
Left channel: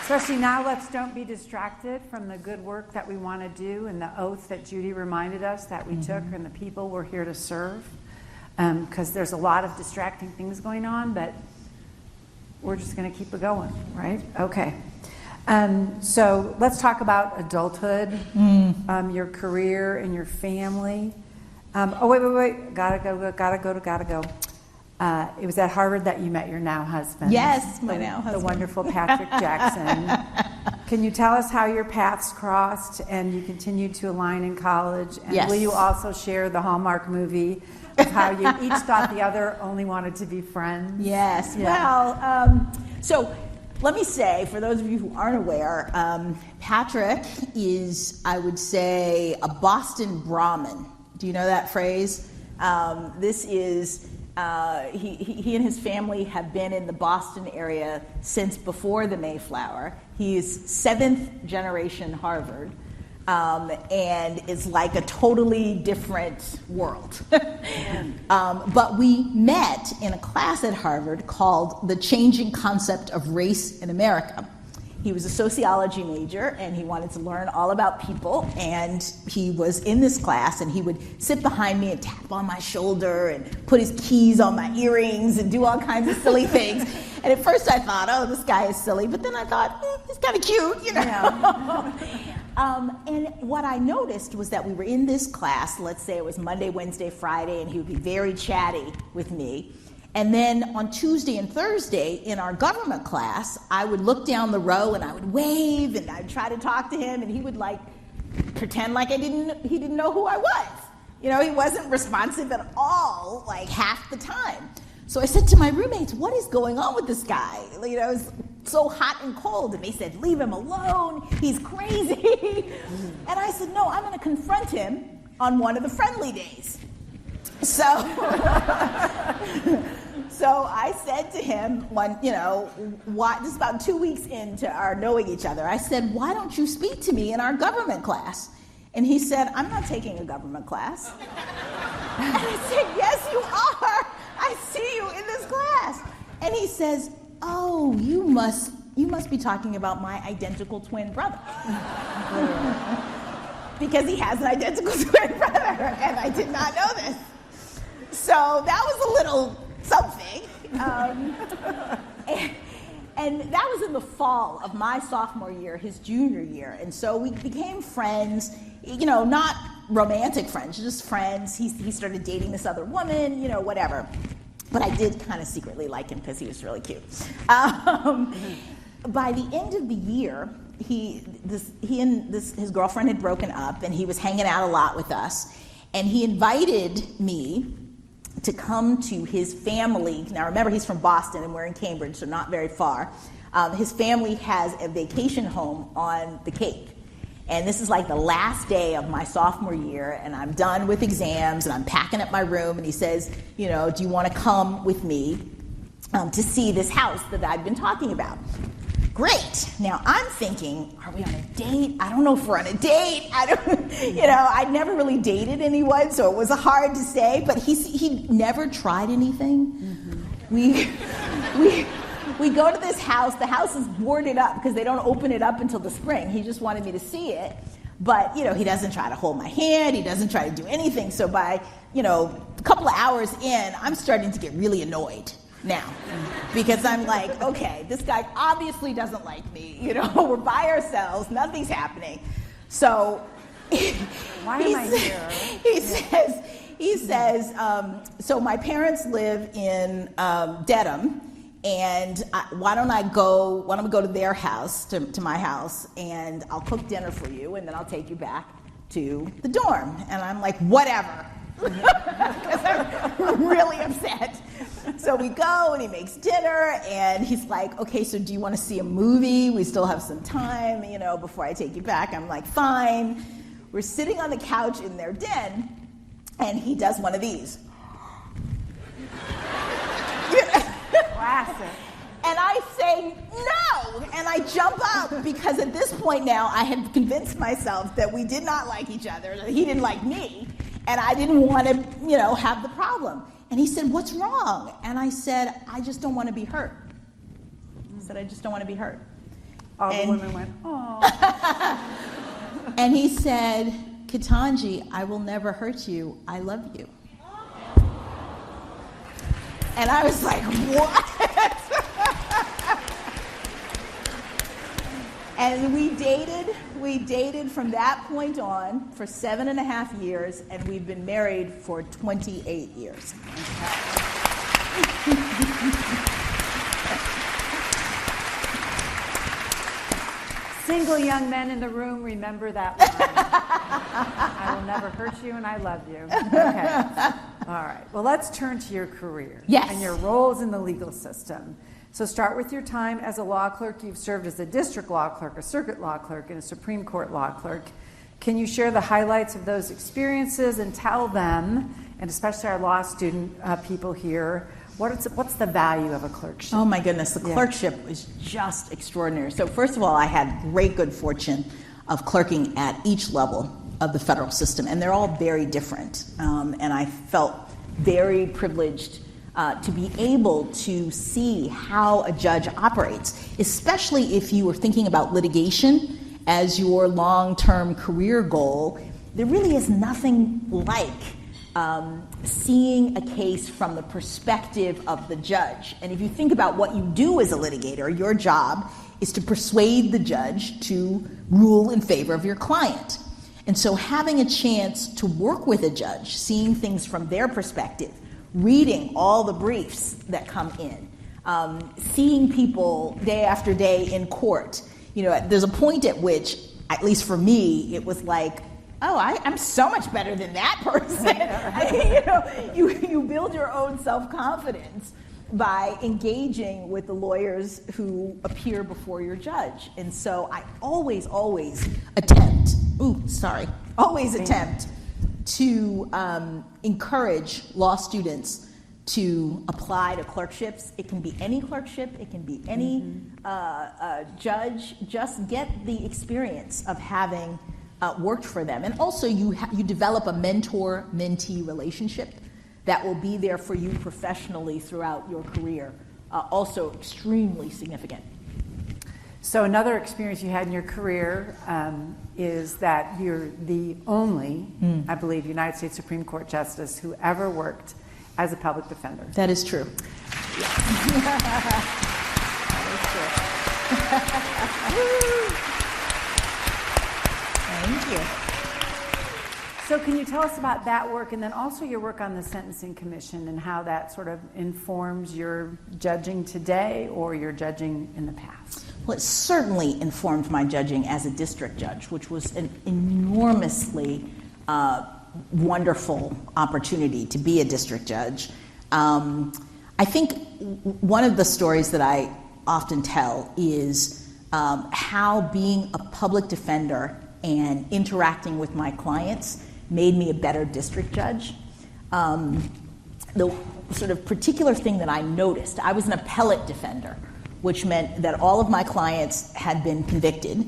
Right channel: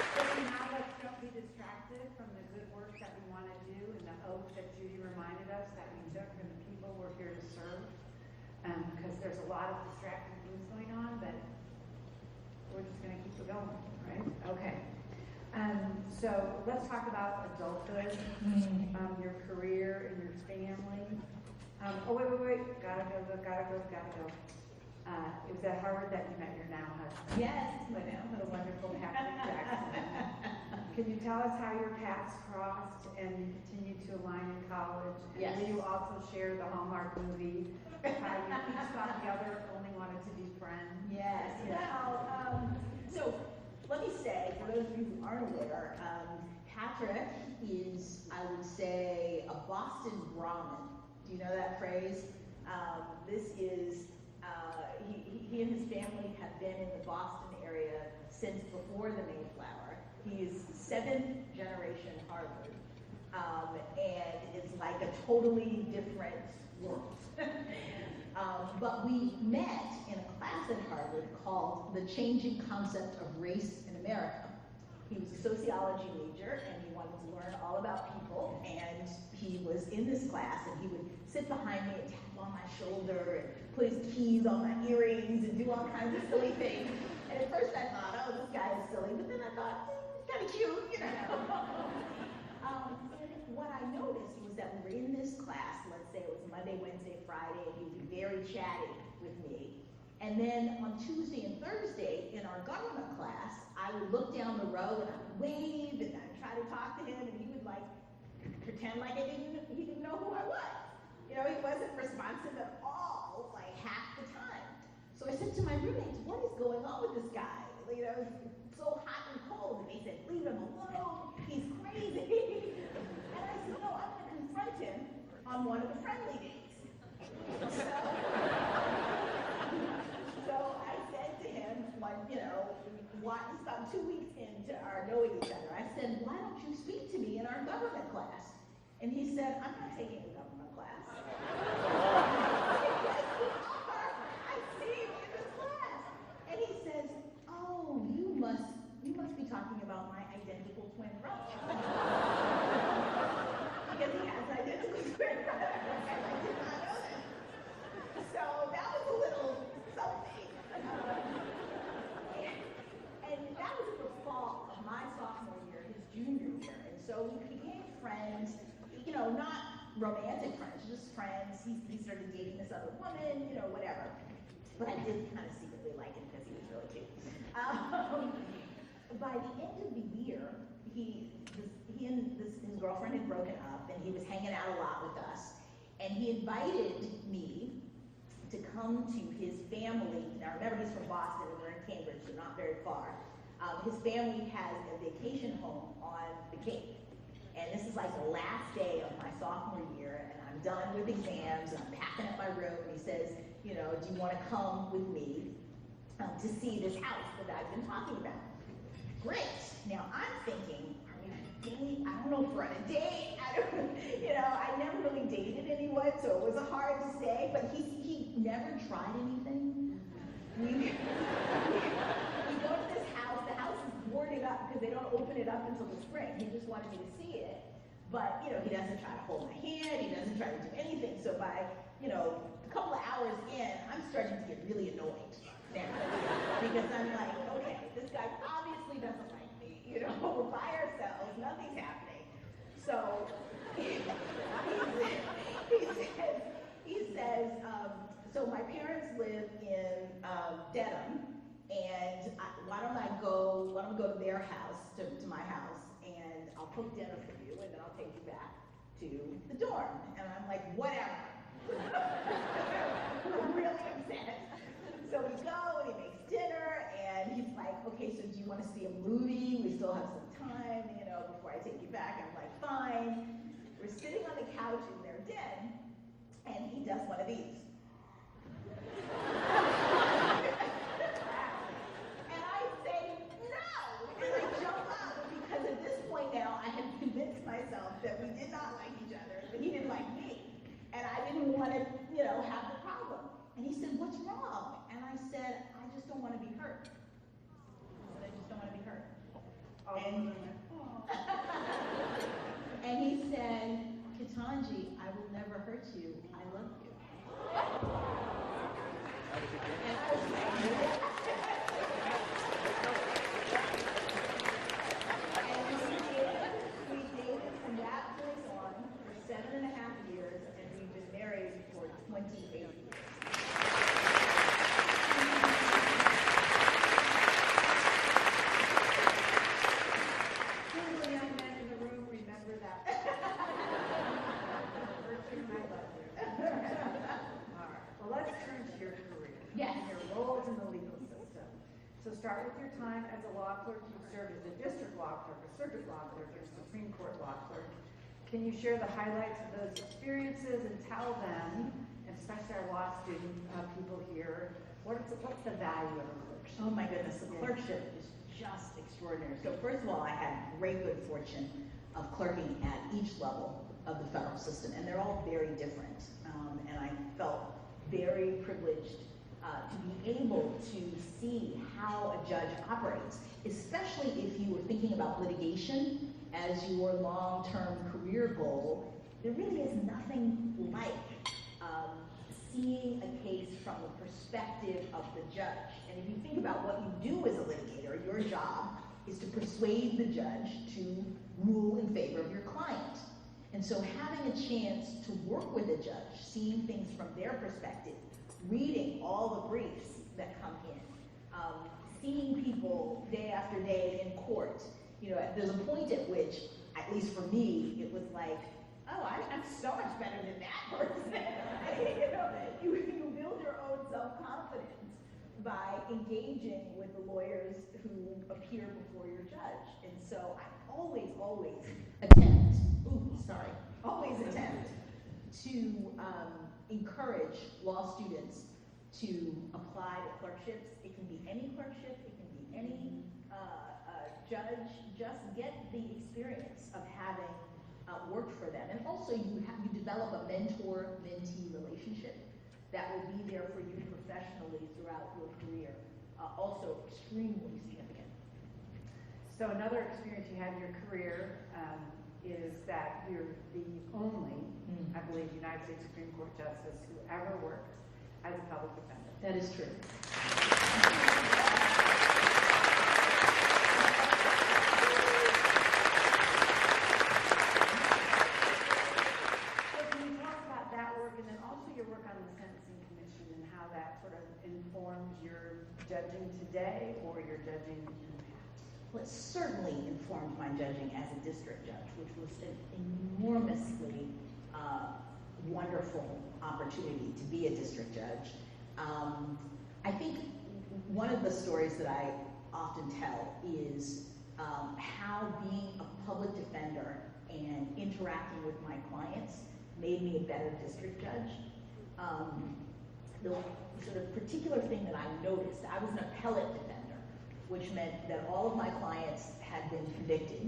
Especially now, don't be distracted from the good work that we want to do and the oath that Judy reminded us that we took, and the people we're here to serve. Because there's a lot of distracting things going on, but we're just going to keep it going, right? Okay. So let's talk about adulthood, your career and your family. Wait. Gotta go. It was at Harvard that you met your now husband. Yes, my now husband. The wonderful Patrick Jackson. Can you tell us how your paths crossed and you continued to align in college? And yes. Will you also share the Hallmark movie of how you each thought the other only wanted to be friends? Yes. Yeah. Well, so let me say, for those of you who aren't aware, Patrick is, I would say, a Boston Brahmin. Do you know that phrase? This is... he and his family have been in the Boston area since before the Mayflower. He is 7th generation Harvard, and is like a totally different world. But we met in a class at Harvard called The Changing Concept of Race in America. He was a sociology major, and he wanted to learn all about people, and he was in this class, and he would sit behind me and tap on my shoulder and put his keys on my earrings and do all kinds of silly things. And at first I thought, oh, this guy is silly, but then I thought, he's kind of cute, Yeah. And what I noticed was that we were in this class, let's say it was Monday, Wednesday, Friday, and he would be very chatty with me. And then on Tuesday and Thursday in our government class, I would look down the row and I would wave and I'd try to talk to him, and he would pretend like he didn't know who I was. He wasn't responsive at all, like half the time. So I said to my roommates, what is going on with this guy? It's so hot and cold. And they said, leave him alone, he's crazy. And I said, no, I'm gonna confront him on one of the friendly days. So I said to him, this is about 2 weeks into our knowing each other, I said, why don't you speak to me in our government class? And he said, I'm not taking a government class. And I said, yes, you are. I see you in this class. And he says, oh, you must be talking about my identical twin brother. Because he has an identical twin brother, and I did not know this. So that was a little something. And that was in the fall of my sophomore year, his junior year. And so we became friends, not romantic friends, just friends. He started dating this other woman, whatever. But I did kind of secretly like him because he was really cute. By the end of the year, his girlfriend had broken up, and he was hanging out a lot with us. And he invited me to come to his family. Now remember, he's from Boston and we're in Cambridge, so not very far. His family has a vacation home on the Cape. And this is like the last day of my sophomore year, and I'm done with exams, and I'm packing up my room, and he says, do you want to come with me to see this house that I've been talking about? Great. Now I'm thinking, are we on a date? I don't know if we're on a date. I'd never really dated anyone, so it was hard to say, but he never tried anything. Mm-hmm. We go to this house. The house is boarded up because they don't open it up until the spring. He just wanted me to see it, but he doesn't try to hold my hand. He doesn't try to do anything. So by a couple of hours in, I'm starting to get really annoyed now, because I'm like, okay, this guy obviously doesn't like me. We're by ourselves, nothing's happening. So why am I here? He says, so my parents live in Dedham, and why don't we go to their house, to my house, and I'll cook dinner for you, and then I'll take you back to the dorm. And I'm like, whatever, because I'm really upset. So we go, and he makes dinner, and he's like, okay, so do you want to see a movie? We still have some time, before I take you back. I'm like, fine. We're sitting on the couch in their den, and he does one of these. Classic. And I say, no! And I jump up, because at this point now, I had convinced myself that we did not like each other, that he didn't like me, and I didn't want to, have the problem. And he said, what's wrong? And I said, I just don't want to be hurt. I said, I just don't want to be hurt. All the women went, oh. And he said, Ketanji, I will never hurt you. I love you. And I was like, what? And we dated from that point on for 7.5 years, and we've been married for 28 years. Single young men in the room, remember that line. I will never hurt you, and I love you. Okay. All right. Well, let's turn to your career. Yes. And your roles in the legal system. So start with your time as a law clerk. You've served as a district law clerk, a circuit law clerk, and a Supreme Court law clerk. Can you share the highlights of those experiences and tell them, and especially our law student people here, what's the value of a clerkship? Oh my goodness, the clerkship is just extraordinary. So first of all, I had great good fortune of clerking at each level of the federal system, and they're all very different. And I felt very privileged to be able to see how a judge operates, especially if you were thinking about litigation as your long-term career goal. There really is nothing like seeing a case from the perspective of the judge. And if you think about what you do as a litigator, your job is to persuade the judge to rule in favor of your client. And so having a chance to work with a judge, seeing things from their perspective, reading all the briefs that come in, seeing people day after day in court. There's a point at which, at least for me, it was like, oh, I'm so much better than that person. You build your own self-confidence by engaging with the lawyers who appear before your judge. And so I always attempt to encourage law students to apply to clerkships. It can be any clerkship, it can be any judge. Just get the experience of having worked for them. And also you develop a mentor-mentee relationship that will be there for you professionally throughout your career, also extremely significant. So another experience you had in your career is that you're the only, I believe, United States Supreme Court Justice who ever worked as a public defender. That is true. Thank you. So can you tell us about that work, and then also your work on the Sentencing Commission and how that sort of informs your judging today or your judging in the past? Well, it certainly informed my judging as a district judge, which was an enormously wonderful opportunity to be a district judge. I think one of the stories that I often tell is how being a public defender and interacting with my clients made me a better district judge. The sort of particular thing that I noticed, I was an appellate defender, which meant that all of my clients had been convicted,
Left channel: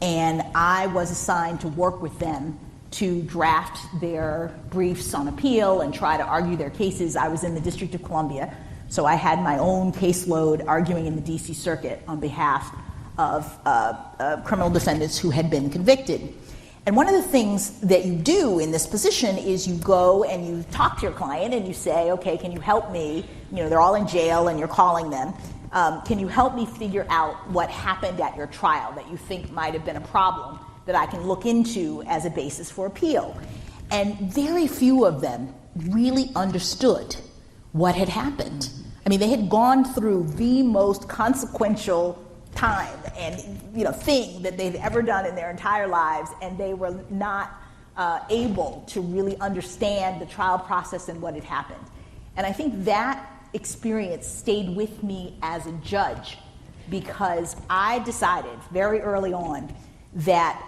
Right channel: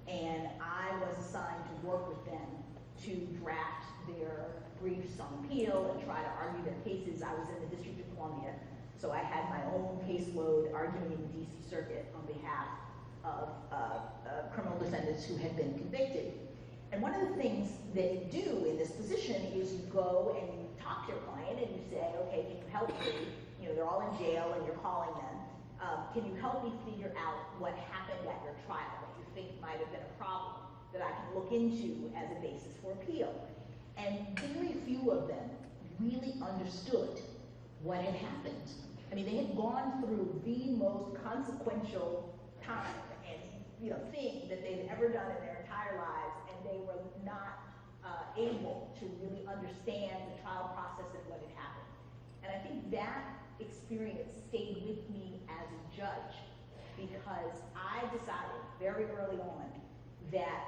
and I was assigned to work with them to draft their briefs on appeal and try to argue their cases. I was in the District of Columbia, so I had my own caseload arguing in the DC Circuit on behalf of criminal defendants who had been convicted. And one of the things that you do in this position is you go and you talk to your client and you say, okay, can you help me? You know, they're all in jail and you're calling them. Can you help me figure out what happened at your trial that you think might have been a problem that I can look into as a basis for appeal? And very few of them really understood what had happened. I mean, they had gone through the most consequential time and thing that they've ever done in their entire lives, and they were not able to really understand the trial process and what had happened. And I think that experience stayed with me as a judge because I decided very early on that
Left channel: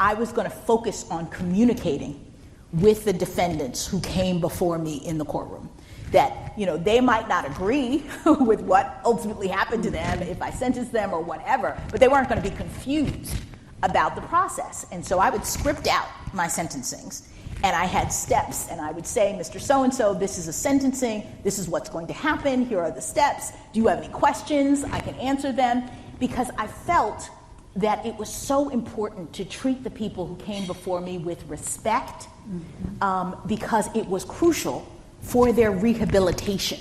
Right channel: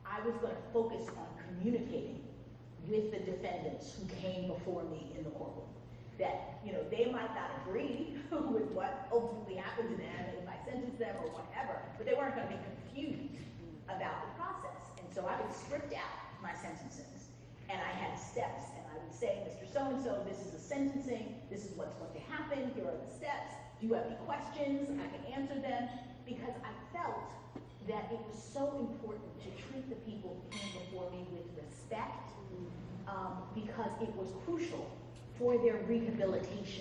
I was going to focus on communicating with the defendants who came before me in the courtroom. That, they might not agree with what ultimately happened to them if I sentenced them or whatever, but they weren't going to be confused about the process. And so I would script out my sentencings, and I had steps, and I would say, Mr. So-and-so, this is a sentencing, this is what's going to happen, here are the steps, do you have any questions? I can answer them, because I felt that it was so important to treat the people who came before me with respect, because it was crucial for their rehabilitation.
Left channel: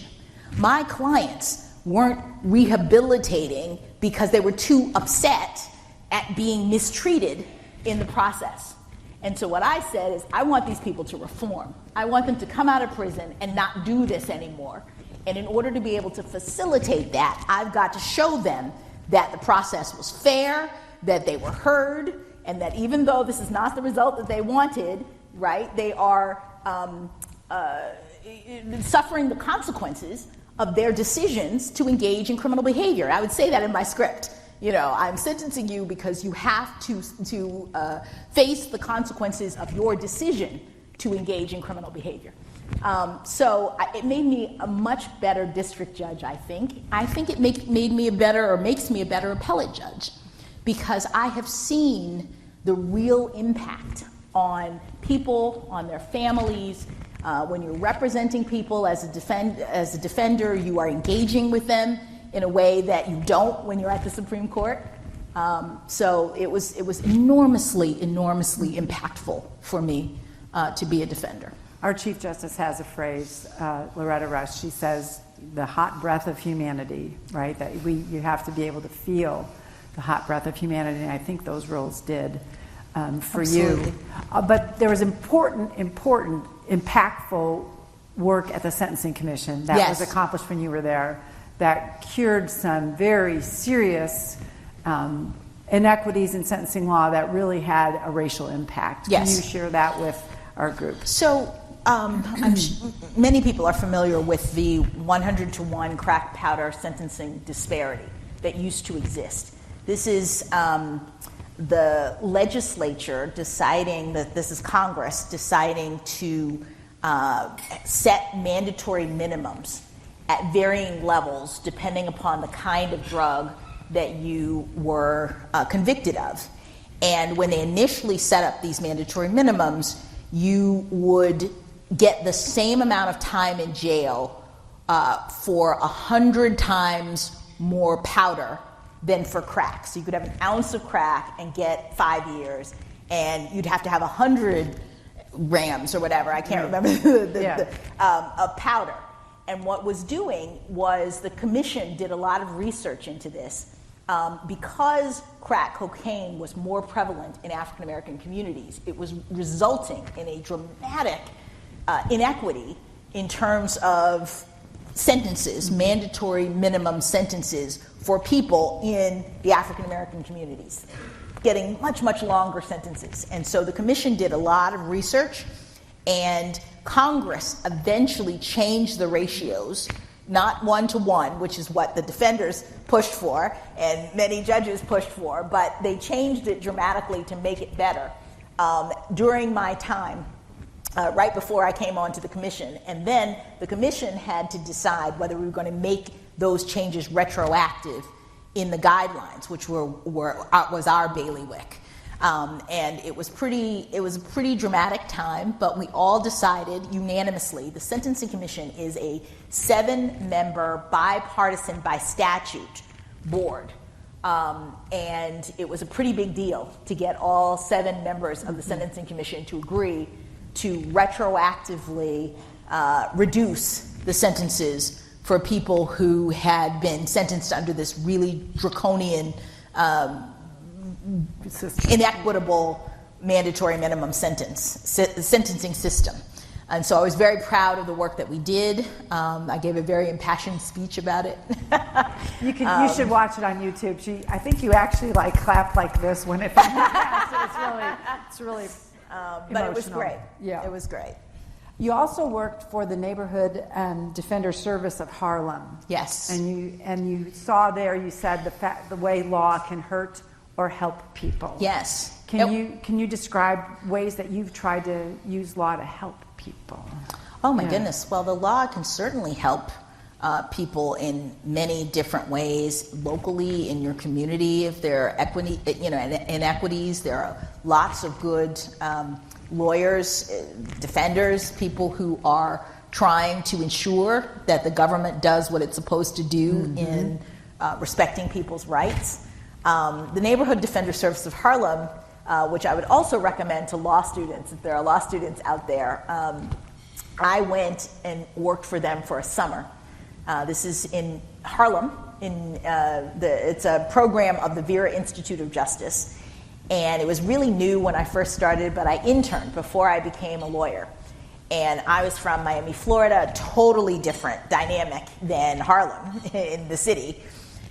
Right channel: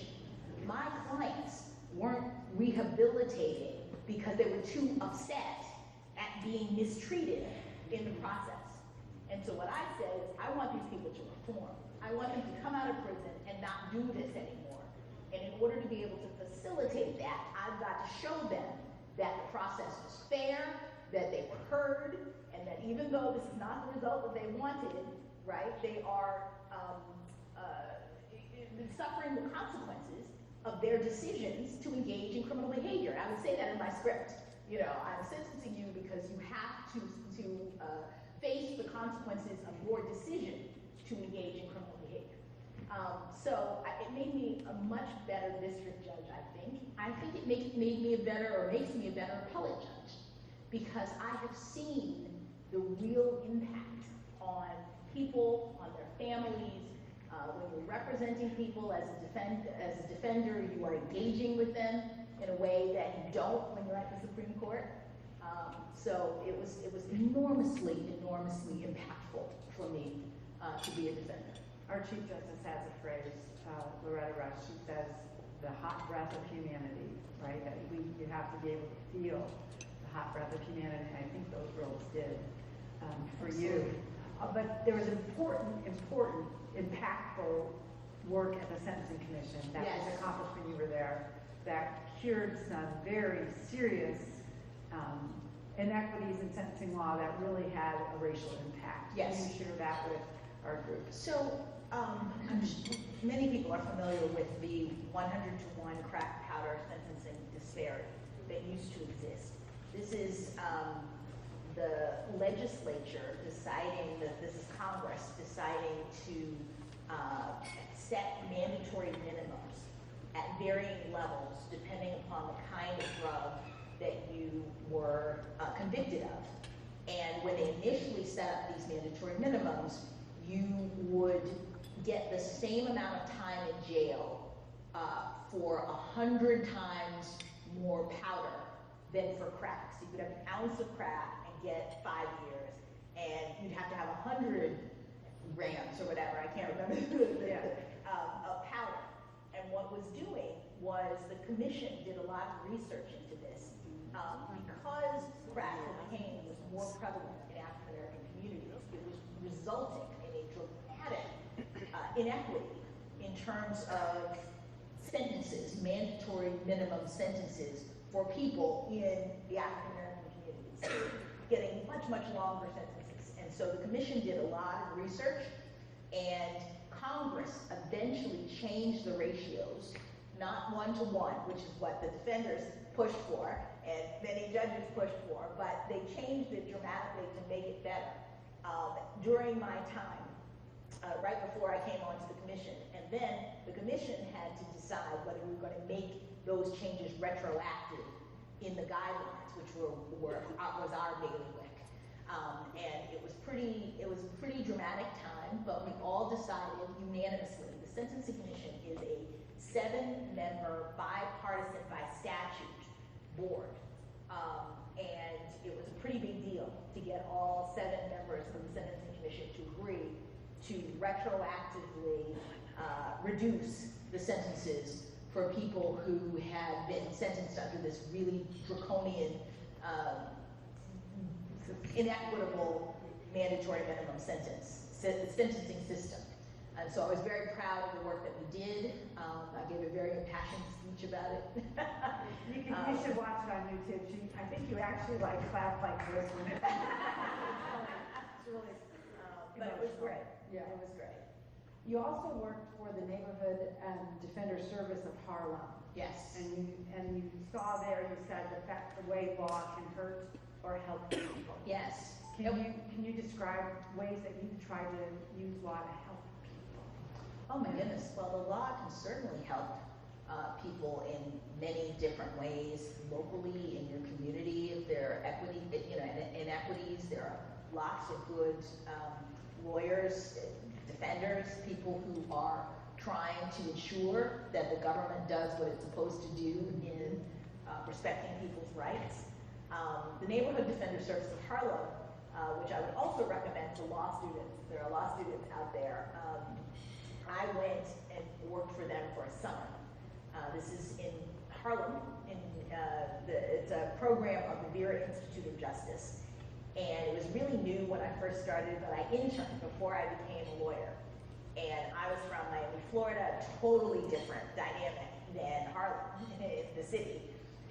My clients weren't rehabilitating because they were too upset at being mistreated in the process. And so what I said is, I want these people to reform. I want them to come out of prison and not do this anymore. And in order to be able to facilitate that, I've got to show them that the process was fair, that they were heard, and that even though this is not the result that they wanted, right, they are suffering the consequences of their decisions to engage in criminal behavior. I would say that in my script. I'm sentencing you because you have to face the consequences of your decision to engage in criminal behavior. So it made me a much better district judge, I think. I think it makes me a better appellate judge, because I have seen the real impact on people, on their families. When you're representing people as a defender, you are engaging with them in a way that you don't when you're at the Supreme Court. So it was enormously impactful for me to be a defender. Our Chief Justice has a phrase, Loretta Rush. She says, "The hot breath of humanity," right? That you have to be able to feel the hot breath of humanity, and I think those roles did for Absolutely. you. But there was important, impactful work at the Sentencing Commission that Yes. was accomplished when you were there, that cured some very serious inequities in sentencing law that really had a racial impact. Yes. Can you share that with our group? So many people are familiar with the 100-to-1 crack powder sentencing disparity that used to exist. This is the legislature deciding that this is Congress deciding to set mandatory minimums at varying levels depending upon the kind of drug that you were convicted of. And when they initially set up these mandatory minimums, you would get the same amount of time in jail for 100 times more powder than for crack. So you could have an ounce of crack and get 5 years, and you'd have to have 100 grams or whatever, I can't remember, of powder. And what was doing was the commission did a lot of research into this. Because crack cocaine was more prevalent in African American communities, it was resulting in a dramatic inequity in terms of sentences, mandatory minimum sentences for people in the African American communities, getting much, much longer sentences. And so the commission did a lot of research, and Congress eventually changed the ratios, not 1-to-1, which is what the defenders pushed for and many judges pushed for, but they changed it dramatically to make it better during my time, right before I came onto the commission. And then the commission had to decide whether we were going to make those changes retroactive in the guidelines, which was our bailiwick. And it was a pretty dramatic time, but we all decided unanimously. The Sentencing Commission is a 7-member, bipartisan, by statute board. And it was a pretty big deal to get all 7 members of the Sentencing Commission to agree to retroactively reduce the sentences for people who had been sentenced under this really draconian, inequitable mandatory minimum sentencing system. And so I was very proud of the work that we did. I gave a very impassioned speech about it. You should watch it on YouTube. I think you actually clapped like this when it passed. It's really but it was great. Yeah, it was great. You also worked for the Neighborhood Defender Service of Harlem. Yes. And you saw there. You said the way law can hurt or help people. Yes. Can you describe ways that you've tried to use law to help people? Oh my goodness. Well, the law can certainly help people in many different ways, locally, in your community. If there are inequities, there are lots of good lawyers, defenders, people who are trying to ensure that the government does what it's supposed to do in respecting people's rights. The Neighborhood Defender Service of Harlem, which I would also recommend to law students, if there are law students out there, I went and worked for them for a summer. This is in Harlem. It's a program of the Vera Institute of Justice. And it was really new when I first started, but I interned before I became a lawyer. And I was from Miami, Florida, a totally different dynamic than Harlem in the city.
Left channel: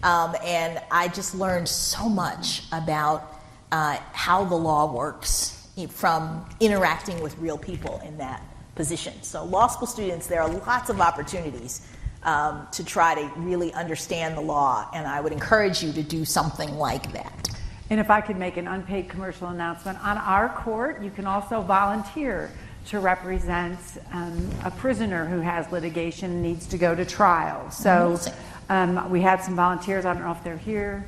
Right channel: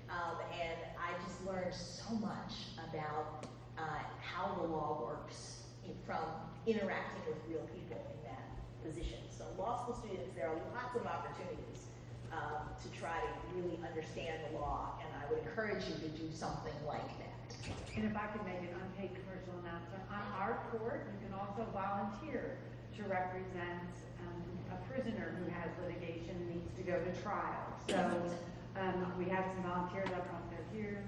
And I just learned so much about how the law works from interacting with real people in that position. So law school students, there are lots of opportunities to try to really understand the law, and I would encourage you to do something like that. And if I could make an unpaid commercial announcement, on our court, you can also volunteer to represent a prisoner who has litigation and needs to go to trial. So we have some volunteers. I don't know if they're here.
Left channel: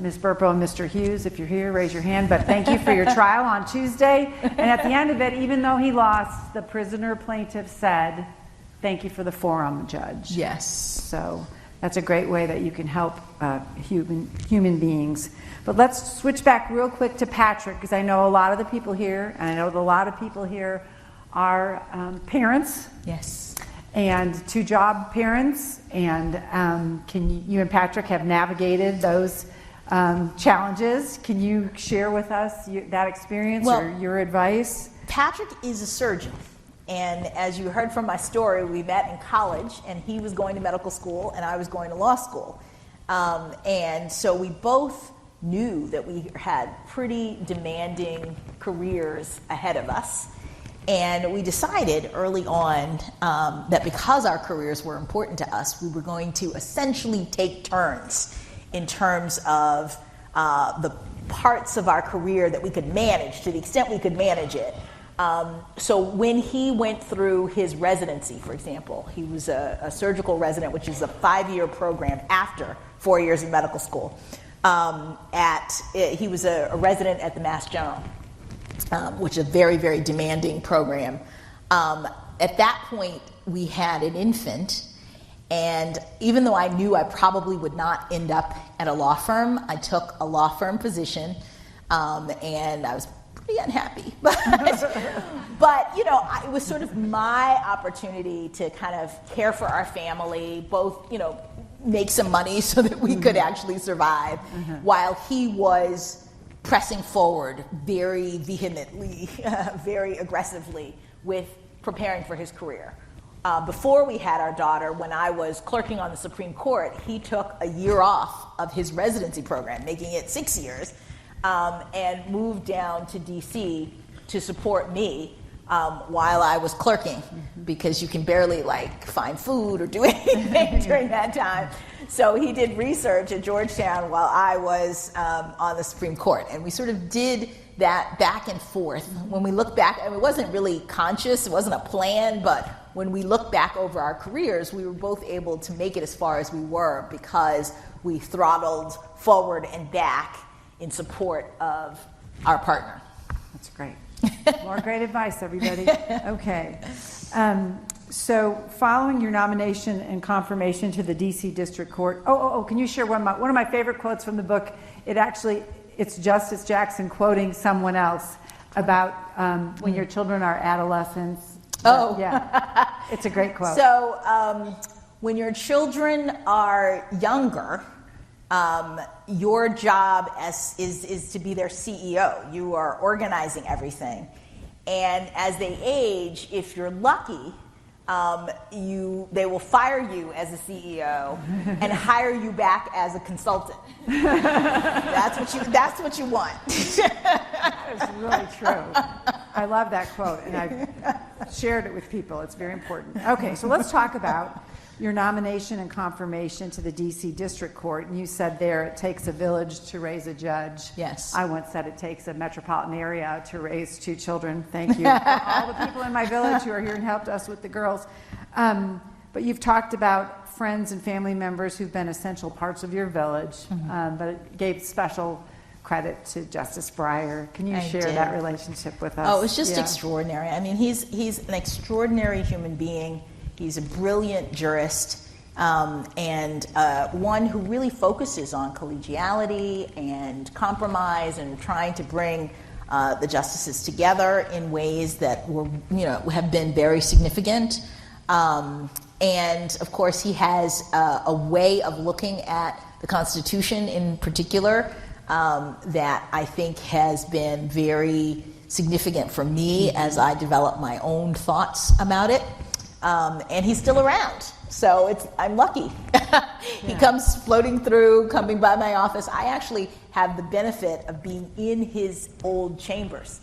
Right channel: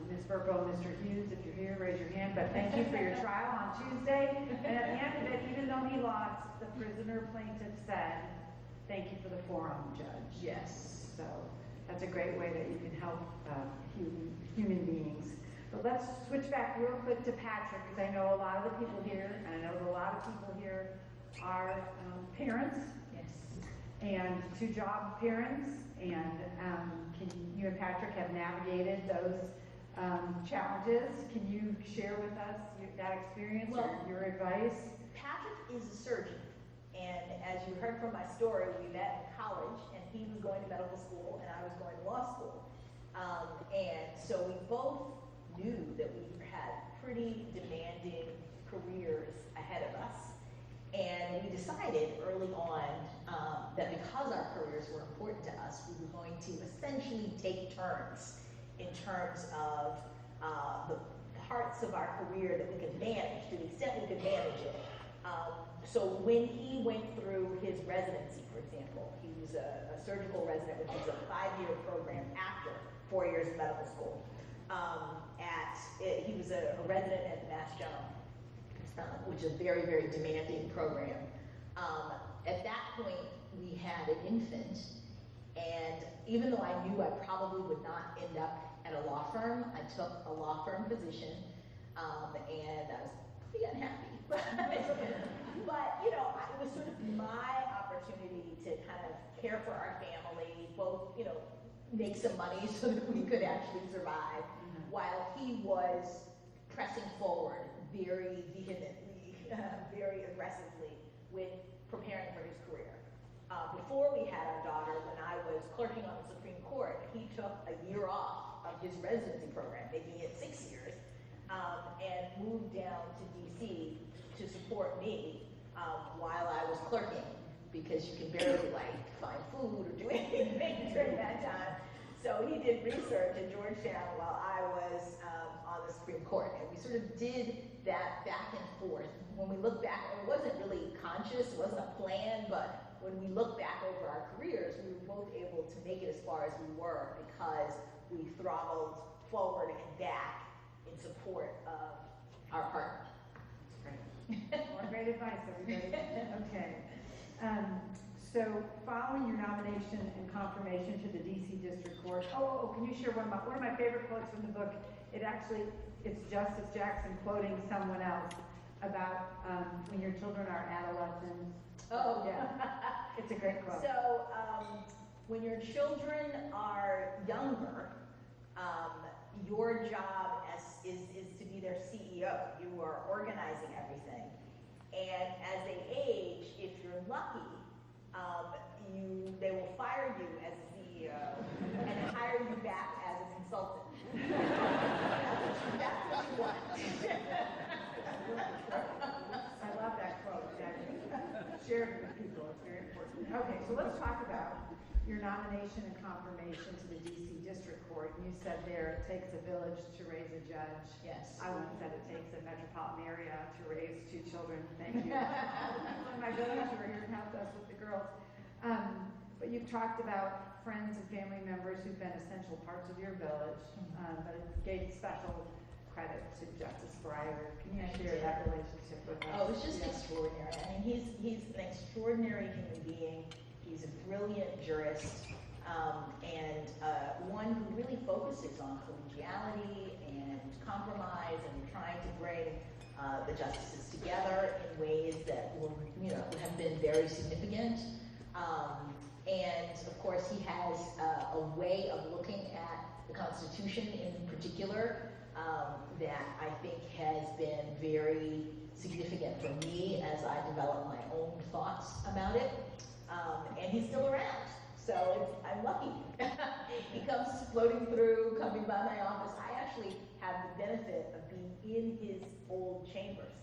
Ms. Burpo and Mr. Hughes, if you're here, raise your hand. But thank you for your trial on Tuesday. And at the end of it, even though he lost, the prisoner plaintiff said, "Thank you for the forum, Judge." Yes. So that's a great way that you can help human beings. But let's switch back real quick to Patrick, because I know a lot of the people here, and I know that a lot of people here are parents. Yes. And 2-job parents. And you and Patrick have navigated those challenges. Can you share with us that experience or your advice? Patrick is a surgeon. And as you heard from my story, we met in college, and he was going to medical school, and I was going to law school. And so we both knew that we had pretty demanding careers ahead of us. And we decided early on that because our careers were important to us, we were going to essentially take turns in terms of the parts of our career that we could manage, to the extent we could manage it. So when he went through his residency, for example, he was a surgical resident, which is a 5-year program after 4 years in medical school. he was a resident at the Mass General, which is a very, very demanding program. At that point, we had an infant, and even though I knew I probably would not end up at a law firm, I took a law firm position, and I was pretty unhappy. But it was sort of my opportunity to kind of care for our family, both, make some money so that we could actually survive, while he was pressing forward very vehemently, very aggressively with preparing for his career. Before we had our daughter, when I was clerking on the Supreme Court, he took a year off of his residency program, making it 6 years, and moved down to DC to support me while I was clerking, because you can barely find food or do anything during that time. So he did research at Georgetown while I was on the Supreme Court, and we sort of did that back and forth. When we look back, it wasn't really conscious, it wasn't a plan, but when we look back over our careers, we were both able to make it as far as we were because we throttled forward and back in support of our partner. That's great. More great advice, everybody. Okay. So following your nomination and confirmation to the DC District Court, can you share one of my favorite quotes from the book? It's Justice Jackson quoting someone else about when your children are adolescents. Oh. Yeah. It's a great quote. So when your children are younger, your job is to be their CEO. You are organizing everything. And as they age, if you're lucky, they will fire you as a CEO and hire you back as a consultant. That's what you want. That is really true. I love that quote, and I've shared it with people. It's very important. Okay, so let's talk about your nomination and confirmation to the DC District Court. And you said there it takes a village to raise a judge. Yes. I once said it takes a metropolitan area to raise 2 children. Thank you for all the people in my village who are here and helped us with the girls. But you've talked about friends and family members who've been essential parts of your village, but it gave special credit to Justice Breyer. Can you share that relationship with us? Oh, it's just extraordinary. I mean, he's an extraordinary human being. He's a brilliant jurist, and one who really focuses on collegiality and compromise and trying to bring the justices together in ways that have been very significant. And of course, he has a way of looking at the Constitution in particular that I think has been very significant for me as I develop my own thoughts about it. And he's still around, so I'm lucky. He comes floating through, coming by my office. I actually have the benefit of being in his old chambers.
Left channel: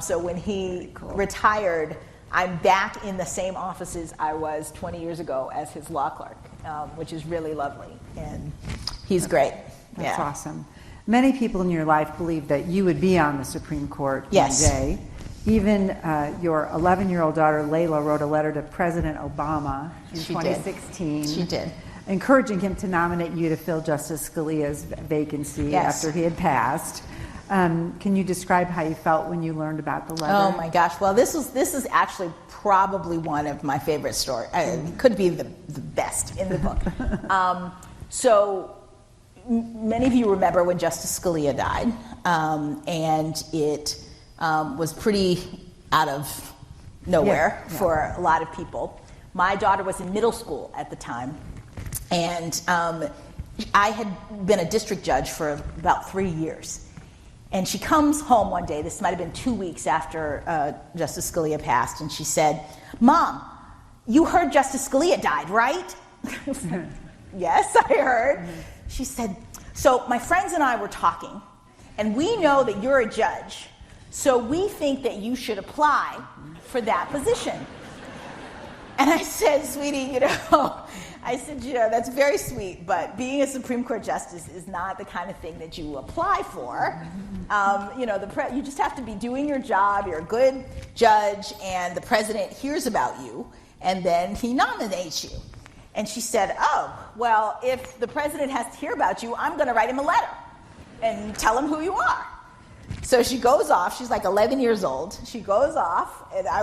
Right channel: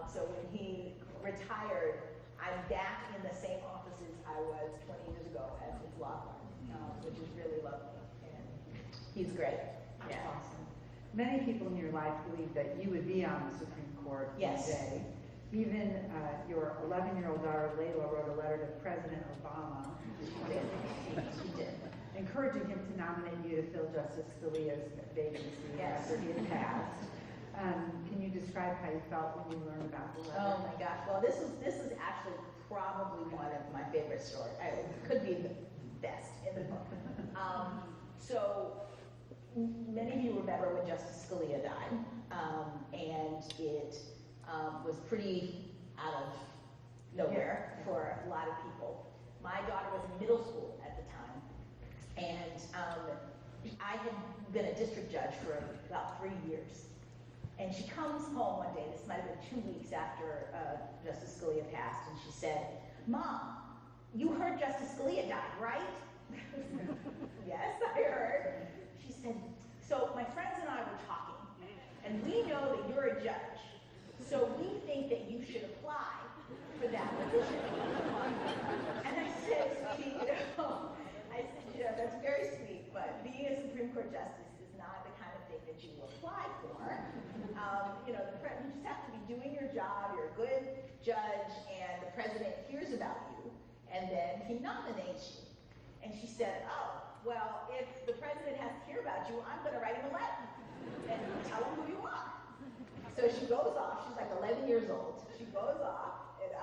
So when he retired, I'm back in the same offices I was 20 years ago as his law clerk, which is really lovely, and he's great. That's awesome. Many people in your life believe that you would be on the Supreme Court one day. Even your 11-year-old daughter, Layla, wrote a letter to President Obama in 2016. She did. Encouraging him to nominate you to fill Justice Scalia's vacancy after he had passed. Can you describe how you felt when you learned about the letter? Oh my gosh! Well, this is actually probably one of my favorite stories. It could be the best in the book. So many of you remember when Justice Scalia died, and it was pretty out of nowhere for a lot of people. My daughter was in middle school at the time, and I had been a district judge for about 3 years. And she comes home one day, this might have been 2 weeks after Justice Scalia passed, and she said, "Mom, you heard Justice Scalia died, right?" Yes, I heard. She said, "So my friends and I were talking, and we know that you're a judge, so we think that you should apply for that position." And I said, "Sweetie, that's very sweet, but being a Supreme Court justice is not the kind of thing that you apply for. You just have to be doing your job. You're a good judge, and the president hears about you, and then he nominates you." And she said, oh, well, if the president has to hear about you, I'm going to write him a letter and tell him who you are. So she goes off. She's like 11 years old. She goes off, and I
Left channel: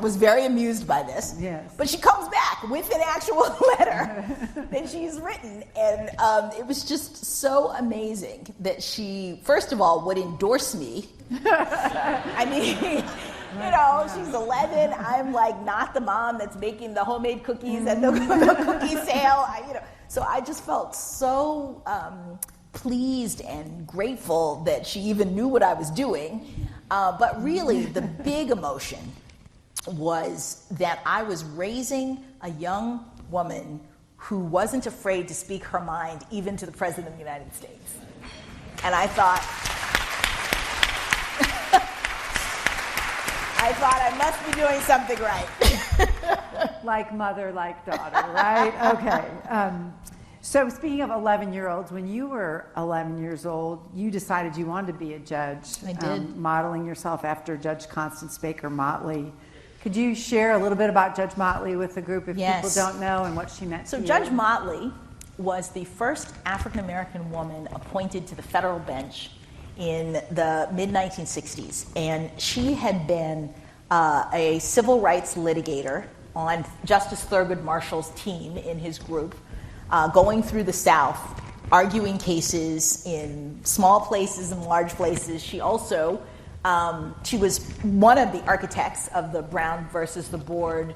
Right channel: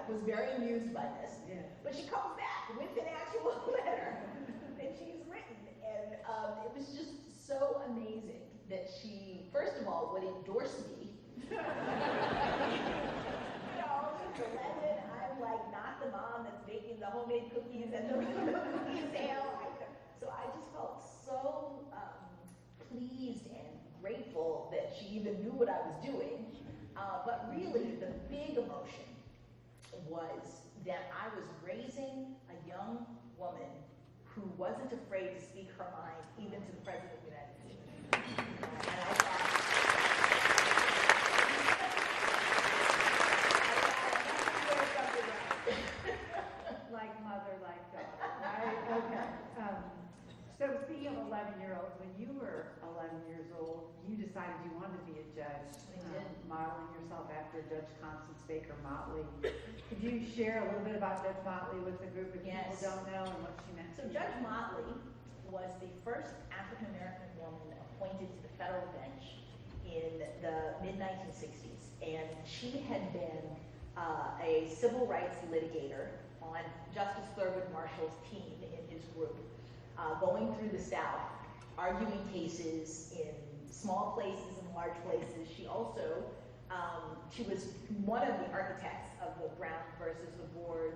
was very amused by this. Yes. But she comes back with an actual letter that she's written, and it was just so amazing that she, first of all, would endorse me. I mean, you know, she's 11. I'm like not the mom that's making the homemade cookies at the cookie sale. So I just felt so pleased and grateful that she even knew what I was doing. But really, the big emotion was that I was raising a young woman who wasn't afraid to speak her mind, even to the President of the United States. And I thought I must be doing something right. Like mother, like daughter, right? Okay. So speaking of 11-year-olds, when you were 11 years old, you decided you wanted to be a judge. I did. Modeling yourself after Judge Constance Baker Motley. Could you share a little bit about Judge Motley with the group if people don't know and what she meant to you? So Judge Motley was the first African-American woman appointed to the federal bench in the mid-1960s. And she had been a civil rights litigator on Justice Thurgood Marshall's team in his group, going through the South, arguing cases in small places and large places. She also, she was one of the architects of the Brown versus the Board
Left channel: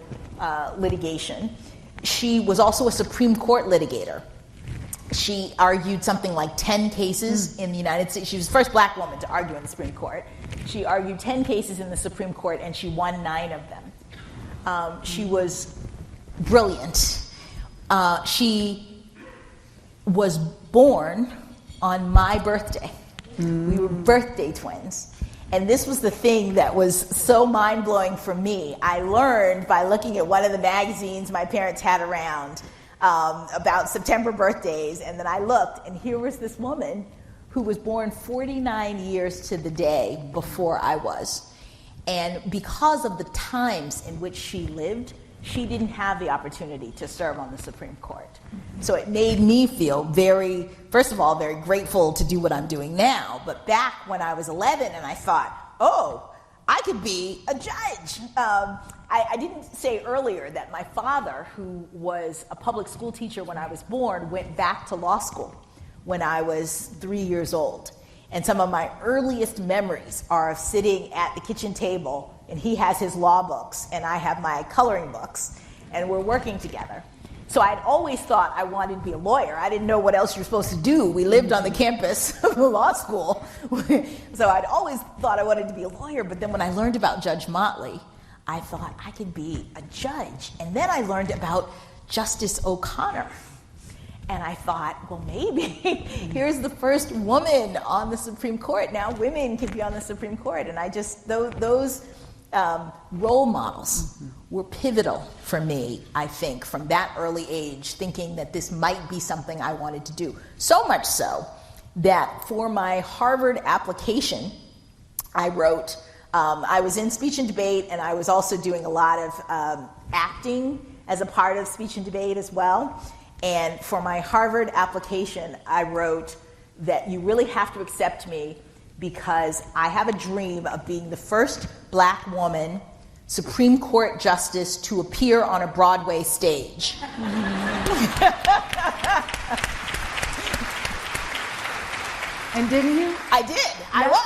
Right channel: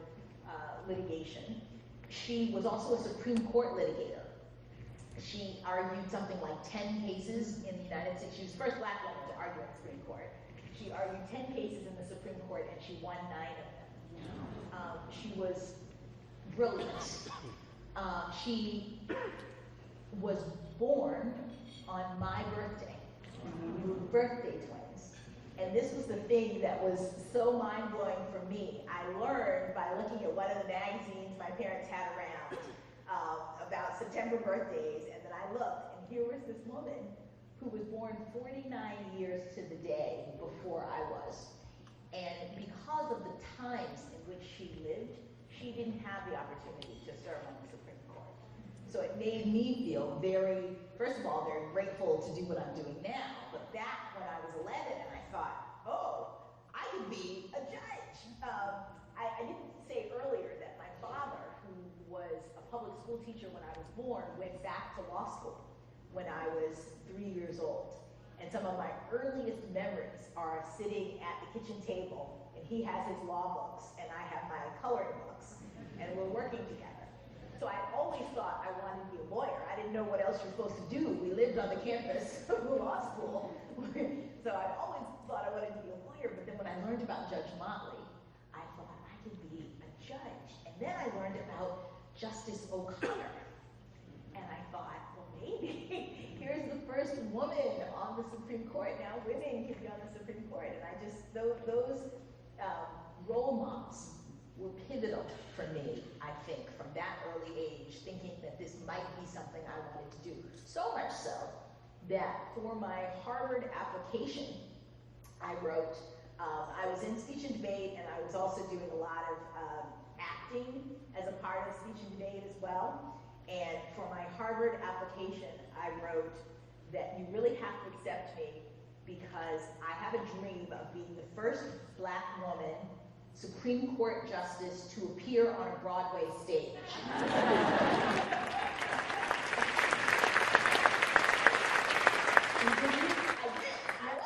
litigation. She was also a Supreme Court litigator. She argued something like 10 cases in the United States. She was the first black woman to argue in the Supreme Court. She argued 10 cases in the Supreme Court, and she won 9 of them. She was brilliant. She was born on my birthday. We were birthday twins. And this was the thing that was so mind-blowing for me. I learned by looking at one of the magazines my parents had around about September birthdays, and then I looked, and here was this woman who was born 49 years to the day before I was. And because of the times in which she lived, she didn't have the opportunity to serve on the Supreme Court. So it made me feel very, first of all, very grateful to do what I'm doing now. But back when I was 11 and I thought, oh, I could be a judge. I didn't say earlier that my father, who was a public school teacher when I was born, went back to law school when I was 3 years old. And some of my earliest memories are of sitting at the kitchen table, and he has his law books, and I have my coloring books, and we're working together. So I'd always thought I wanted to be a lawyer. I didn't know what else you're supposed to do. We lived on the campus of the law school. So I'd always thought I wanted to be a lawyer, but then when I learned about Judge Motley, I thought I could be a judge. And then I learned about Justice O'Connor. And I thought, well, maybe here's the first woman on the Supreme Court. Now women can be on the Supreme Court. And I just, those role models were pivotal for me, I think, from that early age, thinking that this might be something I wanted to do. So much so that for my Harvard application, I wrote, I was in speech and debate, and I was also doing a lot of acting as a part of speech and debate as well. And for my Harvard application, I wrote that you really have to accept me because I have a dream of being the first black woman Supreme Court justice to appear on a Broadway stage. And didn't you? I did. I was.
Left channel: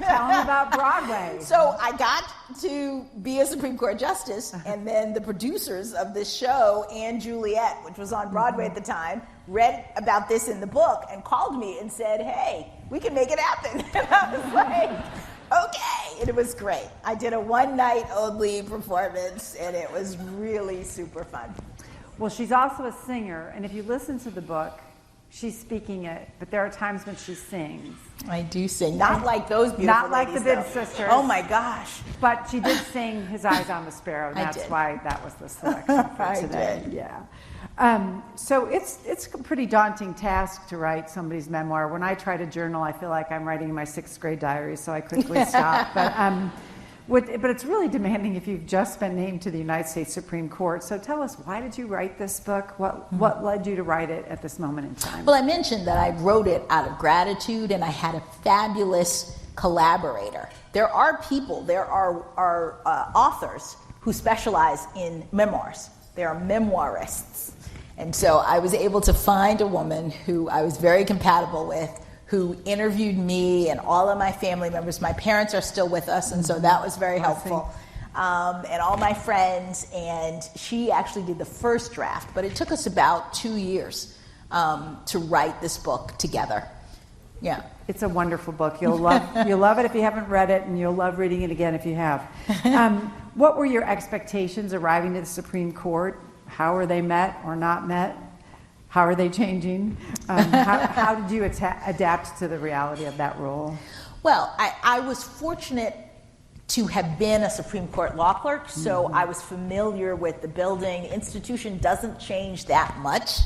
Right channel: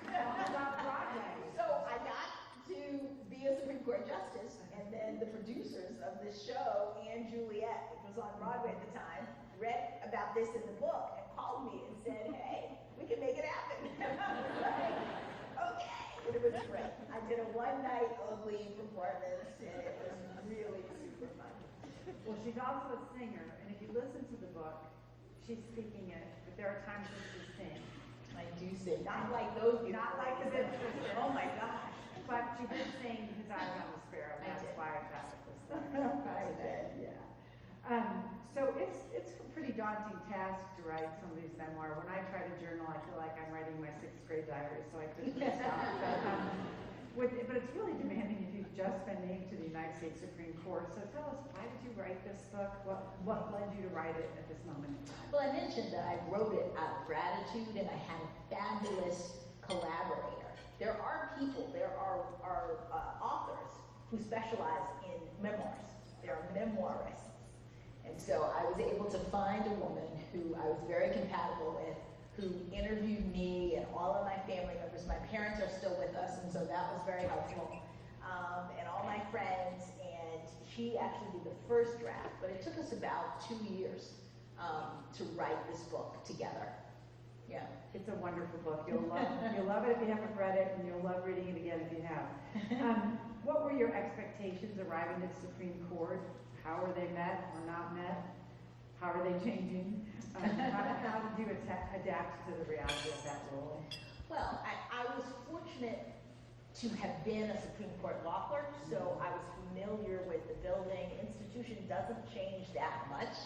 Tell them about Broadway. So I got to be a Supreme Court justice, and then the producers of this show, Anne Juliet, which was on Broadway at the time, read about this in the book and called me and said, hey, we can make it happen. And I was like, okay. And it was great. I did a one-night only performance, and it was really super fun. Well, she's also a singer, and if you listen to the book, she's speaking it, but there are times when she sings. I do sing. Not like those beautiful Not like ladies, the Big though. Sisters. Oh my gosh. But she did sing His Eyes on the Sparrow, and that's why that was the selection for today. did. Yeah. So it's a pretty daunting task to write somebody's memoir. When I try to journal, I feel like I'm writing my 6th grade diary, so I quickly stop. But But it's really demanding if you've just been named to the United States Supreme Court. So tell us, why did you write this book? What led you to write it at this moment in time? Well, I mentioned that I wrote it out of gratitude, and I had a fabulous collaborator. There are authors who specialize in memoirs. They are memoirists. And so I was able to find a woman who I was very compatible with, who interviewed me and all of my family members. My parents are still with us, and so that was very helpful. And all my friends, and she actually did the first draft, but it took us about 2 years to write this book together. Yeah. It's a wonderful book. You'll love it if you haven't read it, and you'll love reading it again if you have. What were your expectations arriving to the Supreme Court? How were they met or not met? How are they changing? How did you adapt to the reality of that role? Well, I was fortunate to have been a Supreme Court law clerk, so I was familiar with the building. Institution doesn't change that much,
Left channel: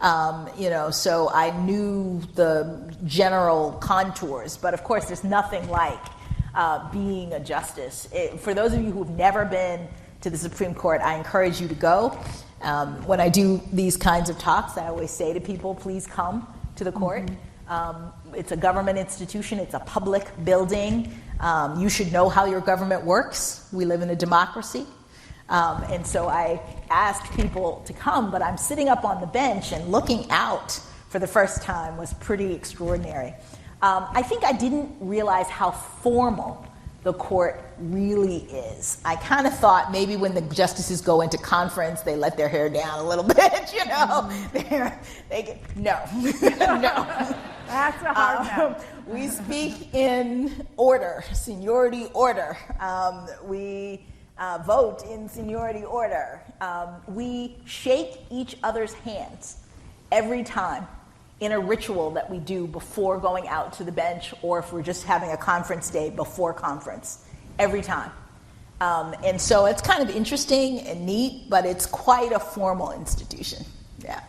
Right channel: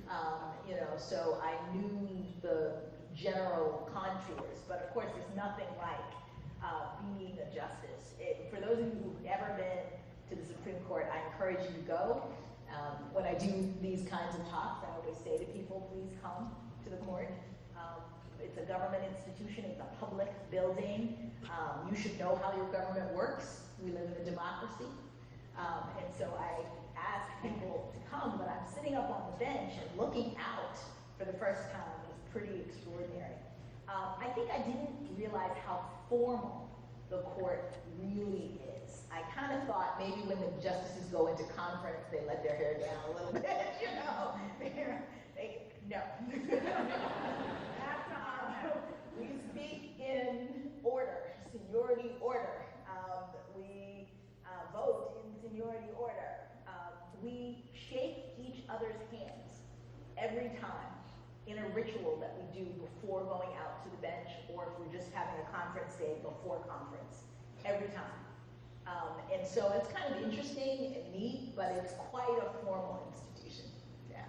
so I knew the general contours. But of course, there's nothing like being a justice. For those of you who've never been to the Supreme Court, I encourage you to go. When I do these kinds of talks, I always say to people, please come to the court. It's a government institution. It's a public building. You should know how your government works. We live in a democracy. And so I asked people to come, but I'm sitting up on the bench and looking out for the first time was pretty extraordinary. I think I didn't realize how formal the court really is. I kind of thought maybe when the justices go into conference, they let their hair down a little bit, No. No. That's a hard no. We speak in order, seniority order. We vote in seniority order. We shake each other's hands every time in a ritual that we do before going out to the bench, or if we're just having a conference day before conference, every time. And so it's kind of interesting and neat, but it's quite a formal institution. Yeah.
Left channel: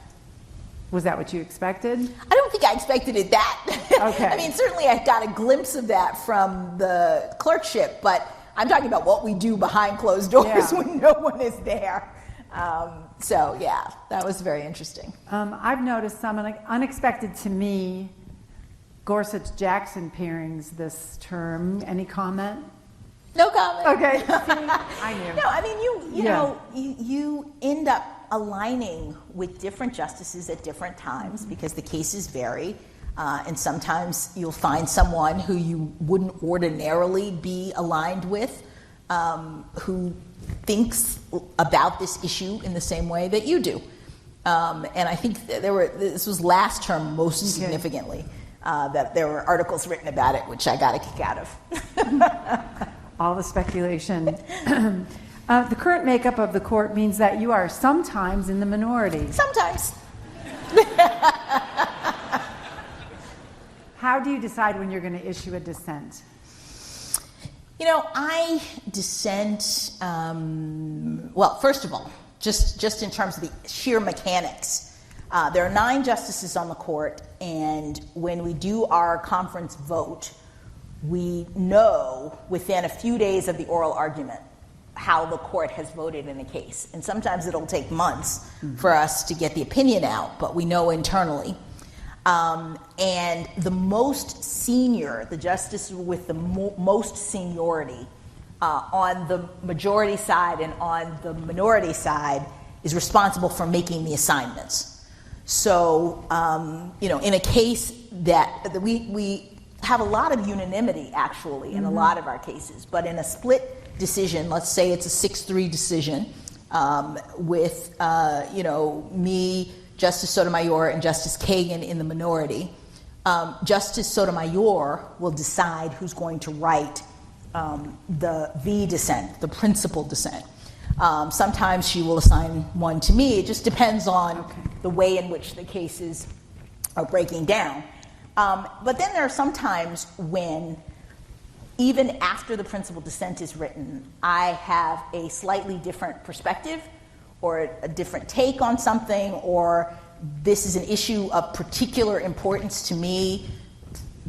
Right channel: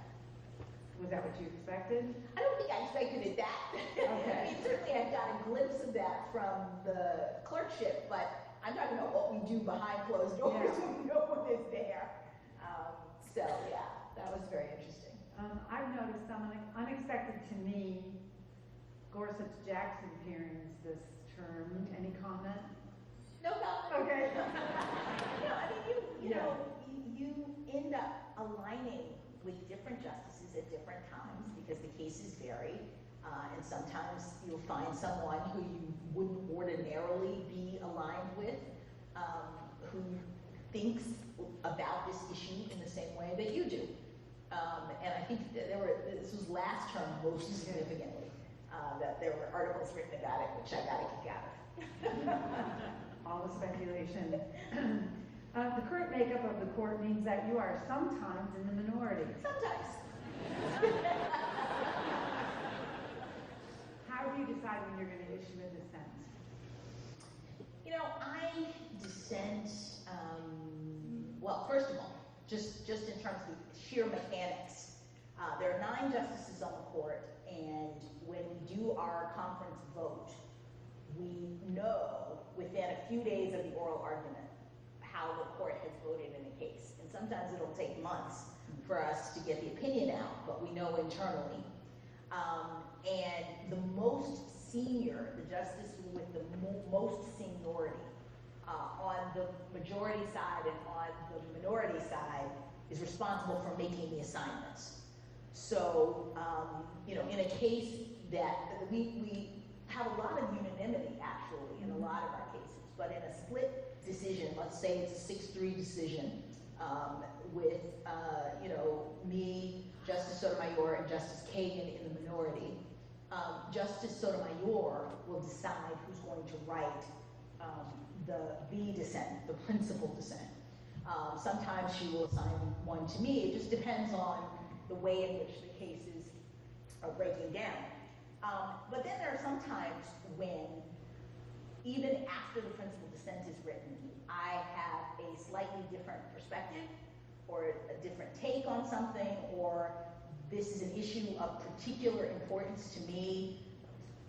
Was that what you expected? I don't think I expected it that. Okay. I mean, certainly I got a glimpse of that from the clerkship, but I'm talking about what we do behind closed doors when no one is there. So yeah, that was very interesting. I've noticed some unexpected to me Gorsuch-Jackson pairings this term. Any comment? No comment. Okay. I knew. No, I mean, you end up aligning with different justices at different times because the cases vary. And sometimes you'll find someone who you wouldn't ordinarily be aligned with, who thinks about this issue in the same way that you do. And I think this was last term most significantly, that there were articles written about it, which I got a kick out of. All the speculation. The current makeup of the court means that you are sometimes in the minority. Sometimes. How do you decide when you're going to issue a dissent? I dissent, well, first of all, just in terms of the sheer mechanics. There are 9 justices on the court, and when we do our conference vote, we know within a few days of the oral argument how the court has voted in a case. And sometimes it'll take months for us to get the opinion out, but we know internally. And the most senior, the justice with the most seniority on the majority side and on the minority side is responsible for making the assignments. So, in a case that we have a lot of unanimity, actually, in a lot of our cases, but in a split decision, let's say it's a 6-3 decision with, me, Justice Sotomayor, and Justice Kagan in the minority. Justice Sotomayor will decide who's going to write the dissent, the principal dissent. Sometimes she will assign one to me. It just depends on the way in which the cases are breaking down. But then there are some times when, even after the principal dissent is written, I have a slightly different perspective or a different take on something, or this is an issue of particular importance to me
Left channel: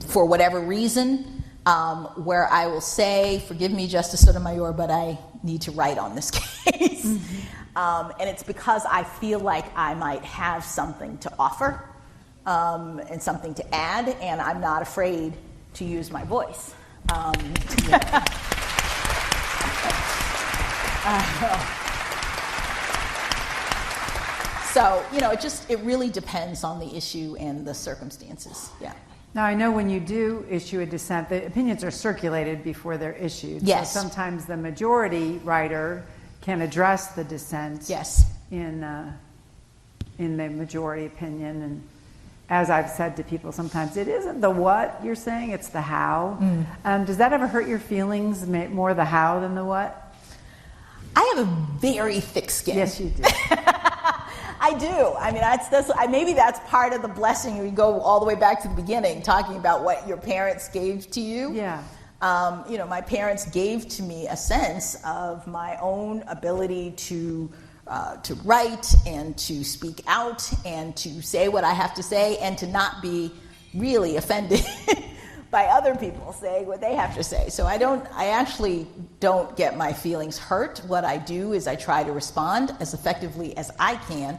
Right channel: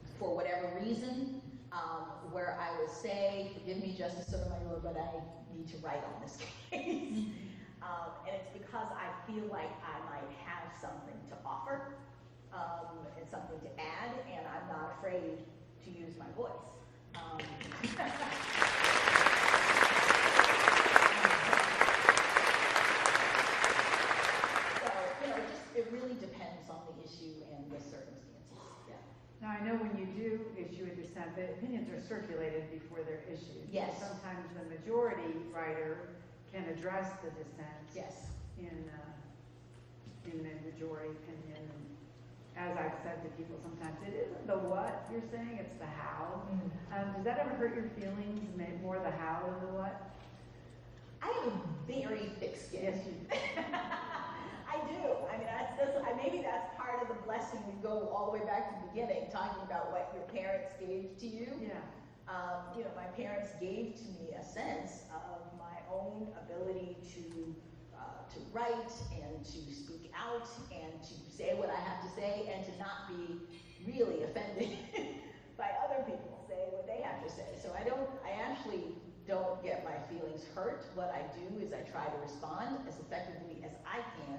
for whatever reason. where I will say, forgive me, Justice Sotomayor, but I need to write on this case. And it's because I feel like I might have something to offer and something to add, and I'm not afraid to use my voice. So, it really depends on the issue and the circumstances. Yeah. Now, I know when you do issue a dissent, the opinions are circulated before they're issued. Yes. So sometimes the majority writer can address the dissent. Yes. In the majority opinion. And as I've said to people, sometimes it isn't the what you're saying, it's the how. Does that ever hurt your feelings, more the how than the what? I have a very thick skin. Yes, you do. I do. I mean, maybe that's part of the blessing. We go all the way back to the beginning, talking about what your parents gave to you. Yeah. My parents gave to me a sense of my own ability to write and to speak out and to say what I have to say and to not be really offended by other people saying what they have to say. So I actually don't get my feelings hurt. What I do is I try to respond as effectively as I can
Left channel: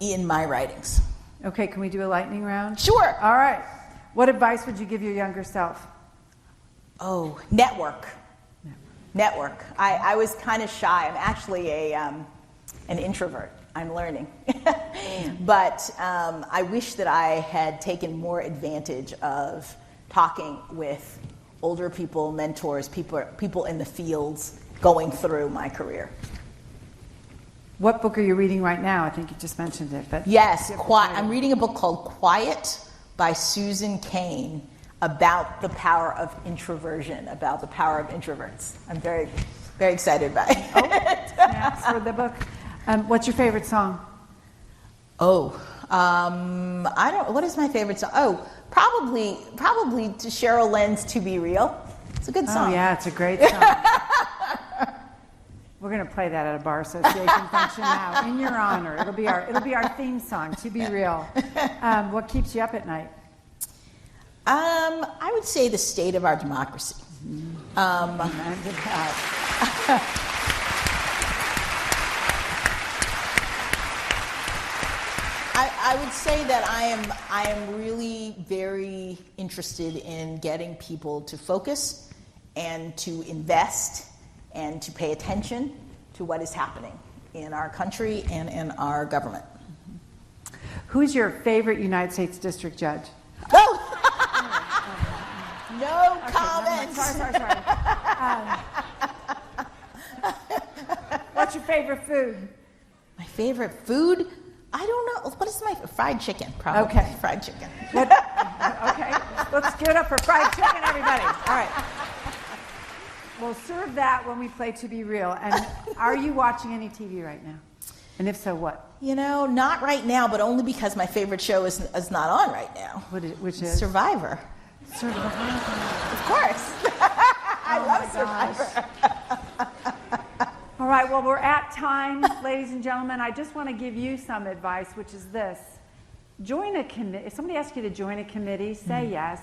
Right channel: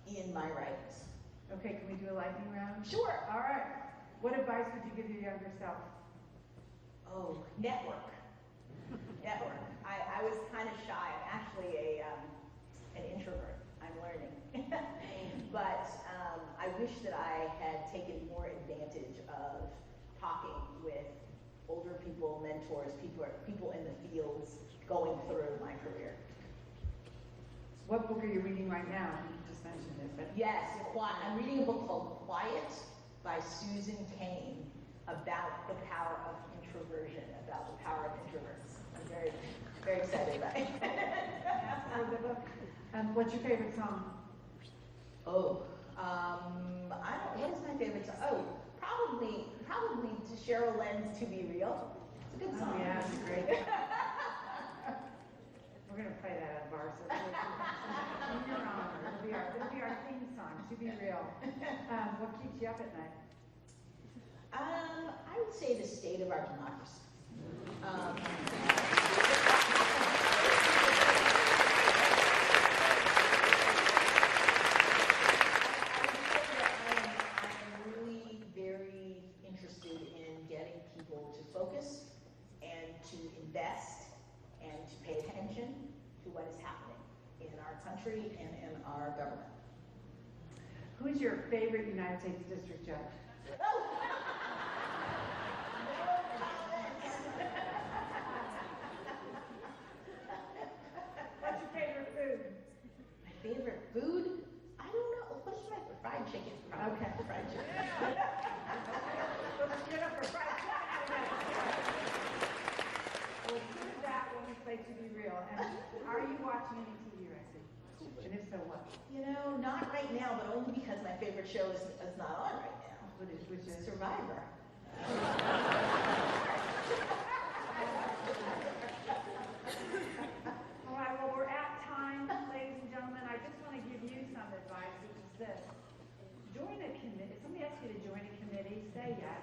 in my writings. Okay, can we do a lightning round? Sure. All right. What advice would you give your younger self? Oh, network. I was kind of shy. I'm actually an introvert. I'm learning. But I wish that I had taken more advantage of talking with older people, mentors, people in the fields going through my career. What book are you reading right now? I think you just mentioned it. But yes, I'm reading a book called Quiet by Susan Cain about the power of introversion, about the power of introverts. I'm very, very excited by it. Oh, snaps for the book. What's your favorite song? What is my favorite song? Oh, probably to Cheryl Lynn's "To Be Real." It's a good song. Oh yeah, it's a great song. We're going to play that at a bar association function now in your honor. It'll be our theme song. To Be Real. What keeps you up at night? I would say the state of our democracy. I would say that I am really very interested in getting people to focus and to invest and to pay attention to what is happening in our country and in our government. Who's your favorite United States District Judge? Oh! No comment. Sorry. What's your favorite food? My favorite food? I don't know. What is my fried chicken? Probably. Okay. Fried chicken. Okay. Let's give it up for fried chicken, everybody. All right. We'll serve that when we play To Be Real. And are you watching any TV right now? And if so, what? Not right now, but only because my favorite show is not on right now. Which is? Survivor. Survivor. Of course. I love Survivor. All right, well, we're at time, ladies and gentlemen. I just want to give you some advice, which is this. Join a committee. If somebody asks you to join a committee, say yes,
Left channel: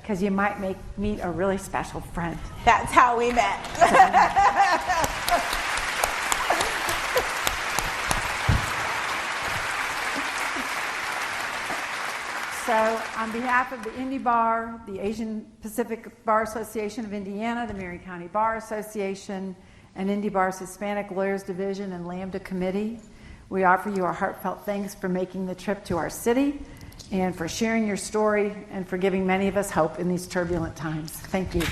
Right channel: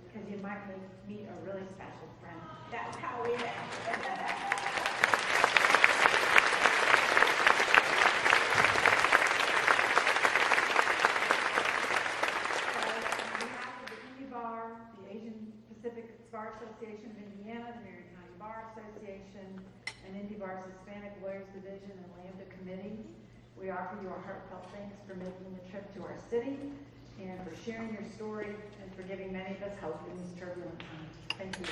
because you might meet a really special friend. That's how we met. So on behalf of the Indy Bar, the Asian Pacific Bar Association of Indiana, the Marion County Bar Association, and Indy Bar's Hispanic Lawyers Division and Lambda Committee, we offer you our heartfelt thanks for making the trip to our city and for sharing your story and for giving many of us hope in these turbulent times. Thank you.